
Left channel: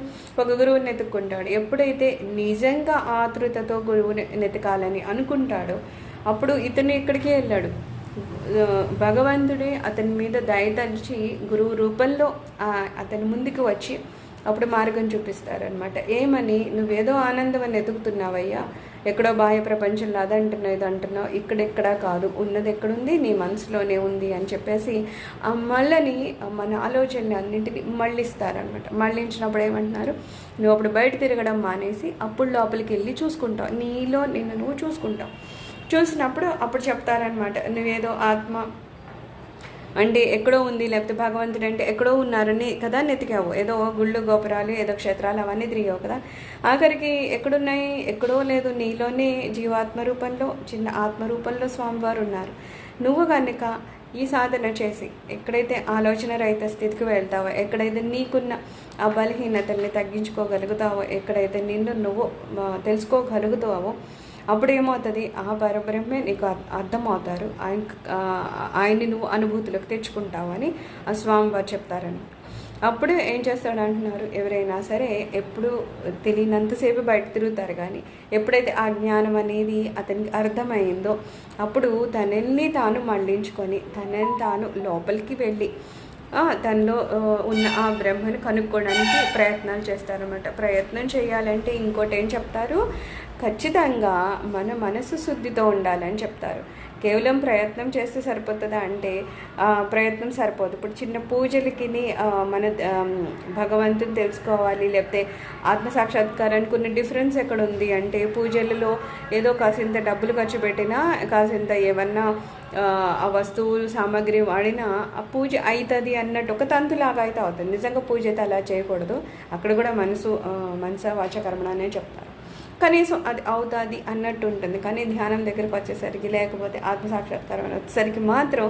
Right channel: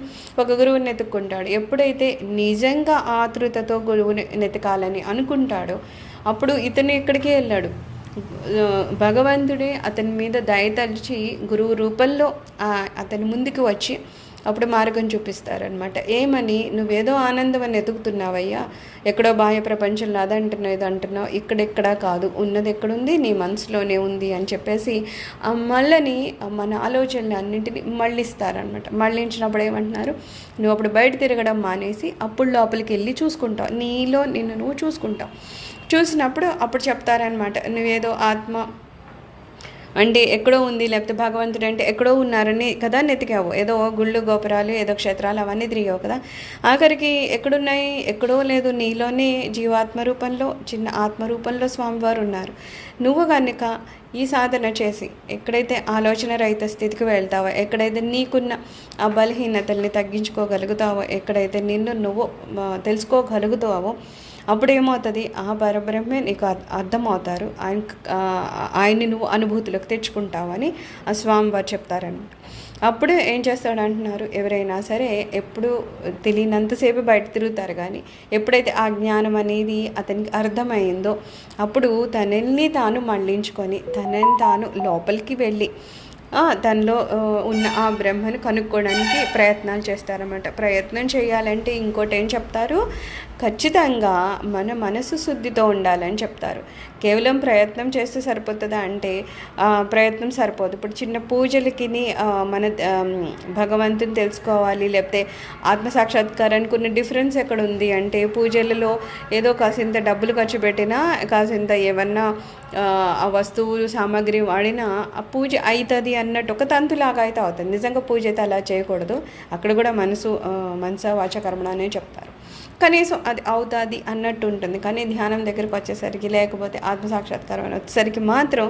ఒక గురువుని ఎత్తుక్కుంటాడు. ఎప్పుడైతే నిజంగా ఆతృతతో గురువుని నెతకాలని అనుకుంటాడో అప్పుడు ఇతను ఇక్కడికే వెళ్ళాడు. భగవంతుడే అతని మీద దయతలిచి గురువు రూపంలో అతని ముందుకు వచ్చి అప్పుడు మార్గం చూపిస్తారనమాట. ఏమని? నువ్వేదో ఆనందం అని ఎతుకుతున్నావయ్యా, ఎక్కడో బాహ్య ప్రపంచంలో అదంటున్నావు ఇదంటున్నావు, ఇక్కడెక్కడా కాదు, ఉన్నది ఎక్కడుంది? నీ మనసులోనే ఉంది అని చెప్పేసి మళ్ళీ మన ఆలోచనలు అన్నింటినీ మళ్ళిస్తారనమాట. మళ్ళించినప్పుడు ఏమంటున్నారు? నువ్వు అప్పుడు బయట తిరగడం మానేసి అప్పుడు లోపలికి వెళ్ళి చూసుకుంటావు, నీలో నిన్ను నువ్వు చూసుకుంటావు. చూసినప్పుడు అప్పుడు చెప్తారనమాట, నువ్వేదో ఆత్మ అంటే ఎక్కడో ఉంది, లేకపోతే భగవంతుడు అంటే ఎక్కడో ఉన్నారని కదా నెతికావు. ఏదో గుళ్ళు గోపురాలు ఏదో క్షేత్రాలు అవన్నీ తిరిగావు కదా. ఆఖరికి ఎక్కడున్నాయి? ఎక్కడో లేదు, నీలోనే జీవాత్మ రూపంలో చిన్న ఆత్మరూపంలో స్వామివారు ఉన్నారు. నువ్వు కనుక ఈ సాధన చేసి ఎక్కడైతే ఆలోచన రహిత స్థితికి వెళ్తావో, ఎక్కడైతే నీకున్న ఆ బలహీనతల్ని తగ్గించుకోగలుగుతావో, ఎక్కడైతే నిన్ను నువ్వు తెలుసుకోగలుగుతావో అప్పుడు ఏమవుతుంది? ఆ పరబ్రహ్మే నీకు అర్థమవుతారు, ఆయన్ని నువ్వు అనుభూతిలోకి తెచ్చుకుంటావని ఆ స్వామివారు చెప్తారనమాట. అప్పుడు ఏం చేస్తాడు అంటున్నారు, ఎవరైనా సరే ఎప్పుడు తెలియనంతసేపు బయట తిరుగుతారు, కానీ ఎప్పుడైతే ఆ జ్ఞానం అనేది అతనికి అర్థమైందో అప్పుడు తనని తాను మళ్ళించుకొని తనని తాను లోపలికి వెళ్ళి తనలో ఉన్న ఆ బ్రహ్మను కనుక్కోవడానికి ప్రయత్నాలు చేస్తారన్నమాట. ప్రయత్నం చేయాలంటే ఇంకోటి ఏం చెప్తారు? ఖచ్చితంగా మన మనసు శుద్ధితో ఉండాలని చెప్తారు. కేవలం ప్రయత్నం చేస్తే సరిపోతుందా అంటే ప్రయత్నం సరిపోదు. ఇప్పుడు చిన్న పూజలకి మన భగవంతుని తెలుసుకోవాలి, లేకపోతే ఆత్మసాక్షాత్కారానికి ఉన్న డిఫరెన్స్ ఎక్కడ ఉంది అంటే, పూజలలో ఏదో కాసింత డబ్బులు ఖర్చు పెట్టినా, కాసింత ఏమన్నా ఆ వస్తువులు సామాగ్రి వాడినా ఆ పూజ అవుతుంది అన్నట్టు ఒక తంతులాగా అయితే అవుతుంది. నిజంగా పూజ అయితే అలా చేయకూడదు. అక్కడ కూడా మనస వాచ కర్మణ అనే చెప్తారు. కనీసం అది అవుతుంది అన్నట్టు ఉంటుంది. కానీ ధ్యానం దగ్గరికి వచ్చేసరికి, లేకపోతే ఆత్మసాక్షాత్కారం వచ్చేసరికి మాత్రం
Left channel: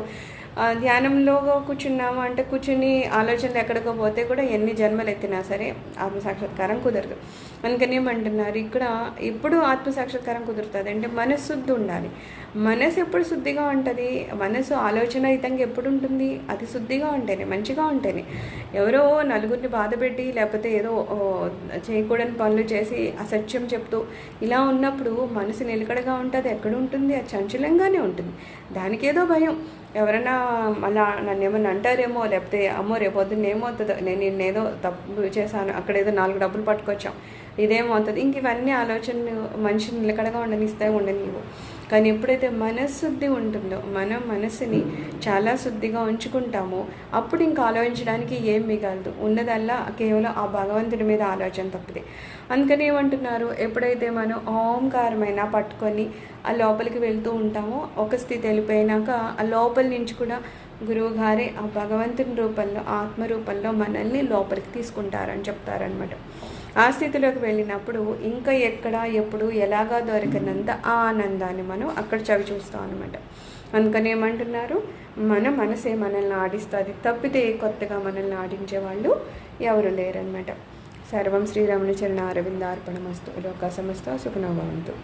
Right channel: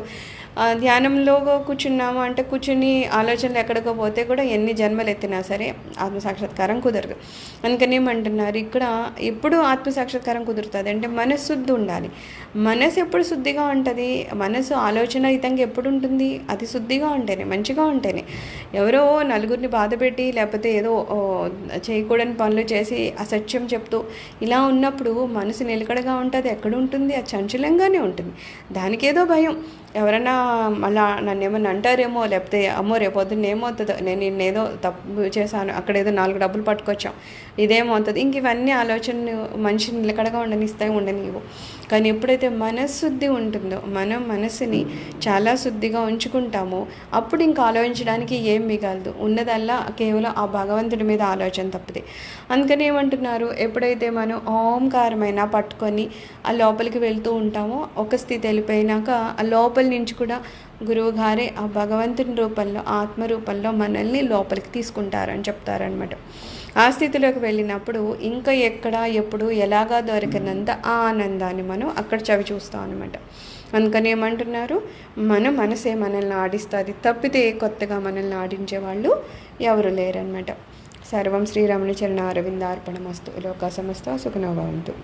ధ్యానంలో కూర్చున్నాము అంటే కూర్చుని ఆలోచనలు ఎక్కడికో పోతే కూడా ఎన్ని జన్మలు ఎత్తినా సరే ఆత్మసాక్షాత్కారం కుదరదు. అందుకని ఏమంటున్నారు ఇక్కడ, ఎప్పుడు ఆత్మసాక్షాత్కారం కుదురుతుంది అంటే మనశుద్ధి ఉండాలి. మనసు ఎప్పుడు శుద్ధిగా ఉంటుంది, మనసు ఆలోచనరహితంగా ఎప్పుడు ఉంటుంది, అది శుద్ధిగా ఉంటేనే, మంచిగా ఉంటేనే. ఎవరో నలుగురిని బాధపెట్టి లేకపోతే ఏదో చేయకూడని పనులు చేసి అసత్యం చెప్తూ ఇలా ఉన్నప్పుడు మనసు నిలకడగా ఉంటుంది, ఎక్కడ ఉంటుంది, అది చంచలంగానే ఉంటుంది. దానికి ఏదో భయం, ఎవరైనా మళ్ళా నన్ను ఏమన్నా అంటారేమో, లేకపోతే అమ్మో రేపొద్దున్న ఏమవుతుందో, నేను నిన్నేదో తప్పు చేశాను, అక్కడ ఏదో 4 డబ్బులు పట్టుకొచ్చాం, ఇదేమవుతుంది, ఇంక ఇవన్నీ ఆలోచనలు మనిషిని నిలకడగా ఉండనిస్తాయి, ఉండనివ్వు. కానీ ఎప్పుడైతే మనశుద్ధి ఉంటుందో, మనం మనసుని చాలా శుద్ధిగా ఉంచుకుంటామో అప్పుడు ఇంకా ఆలోచించడానికి ఏం మిగలదు, ఉన్నదల్లా కేవలం ఆ భగవంతుడి మీద ఆలోచన తప్పితే. అందుకని ఏమంటున్నారు, ఎప్పుడైతే మనం ఓంకారమైనా పట్టుకొని ఆ లోపలికి వెళ్తూ ఉంటామో, ఒక స్థితి వెళ్ళిపోయినాక ఆ లోపల నుంచి కూడా గురువు గారే ఆ భగవంతుని రూపంలో, ఆత్మ రూపంలో మనల్ని లోపలికి తీసుకుంటారని చెప్తారనమాట. ఆ స్థితిలోకి వెళ్ళినప్పుడు ఇంకా ఎక్కడ ఎప్పుడు ఎలాగా దొరికినంత ఆ ఆనందాన్ని మనం అక్కడ చవి చూస్తాం అనమాట. అందుకని ఏమంటున్నారు, మన మనసే మనల్ని ఆడిస్తుంది తప్పితే కొత్తగా మనల్ని ఆడించే వాళ్ళు ఎవరు లేరనమాట. సర్వం శ్రీరాముని చరణ అరవింద అర్పణమస్తు. లోకా సమస్త సుఖనో భవంతు.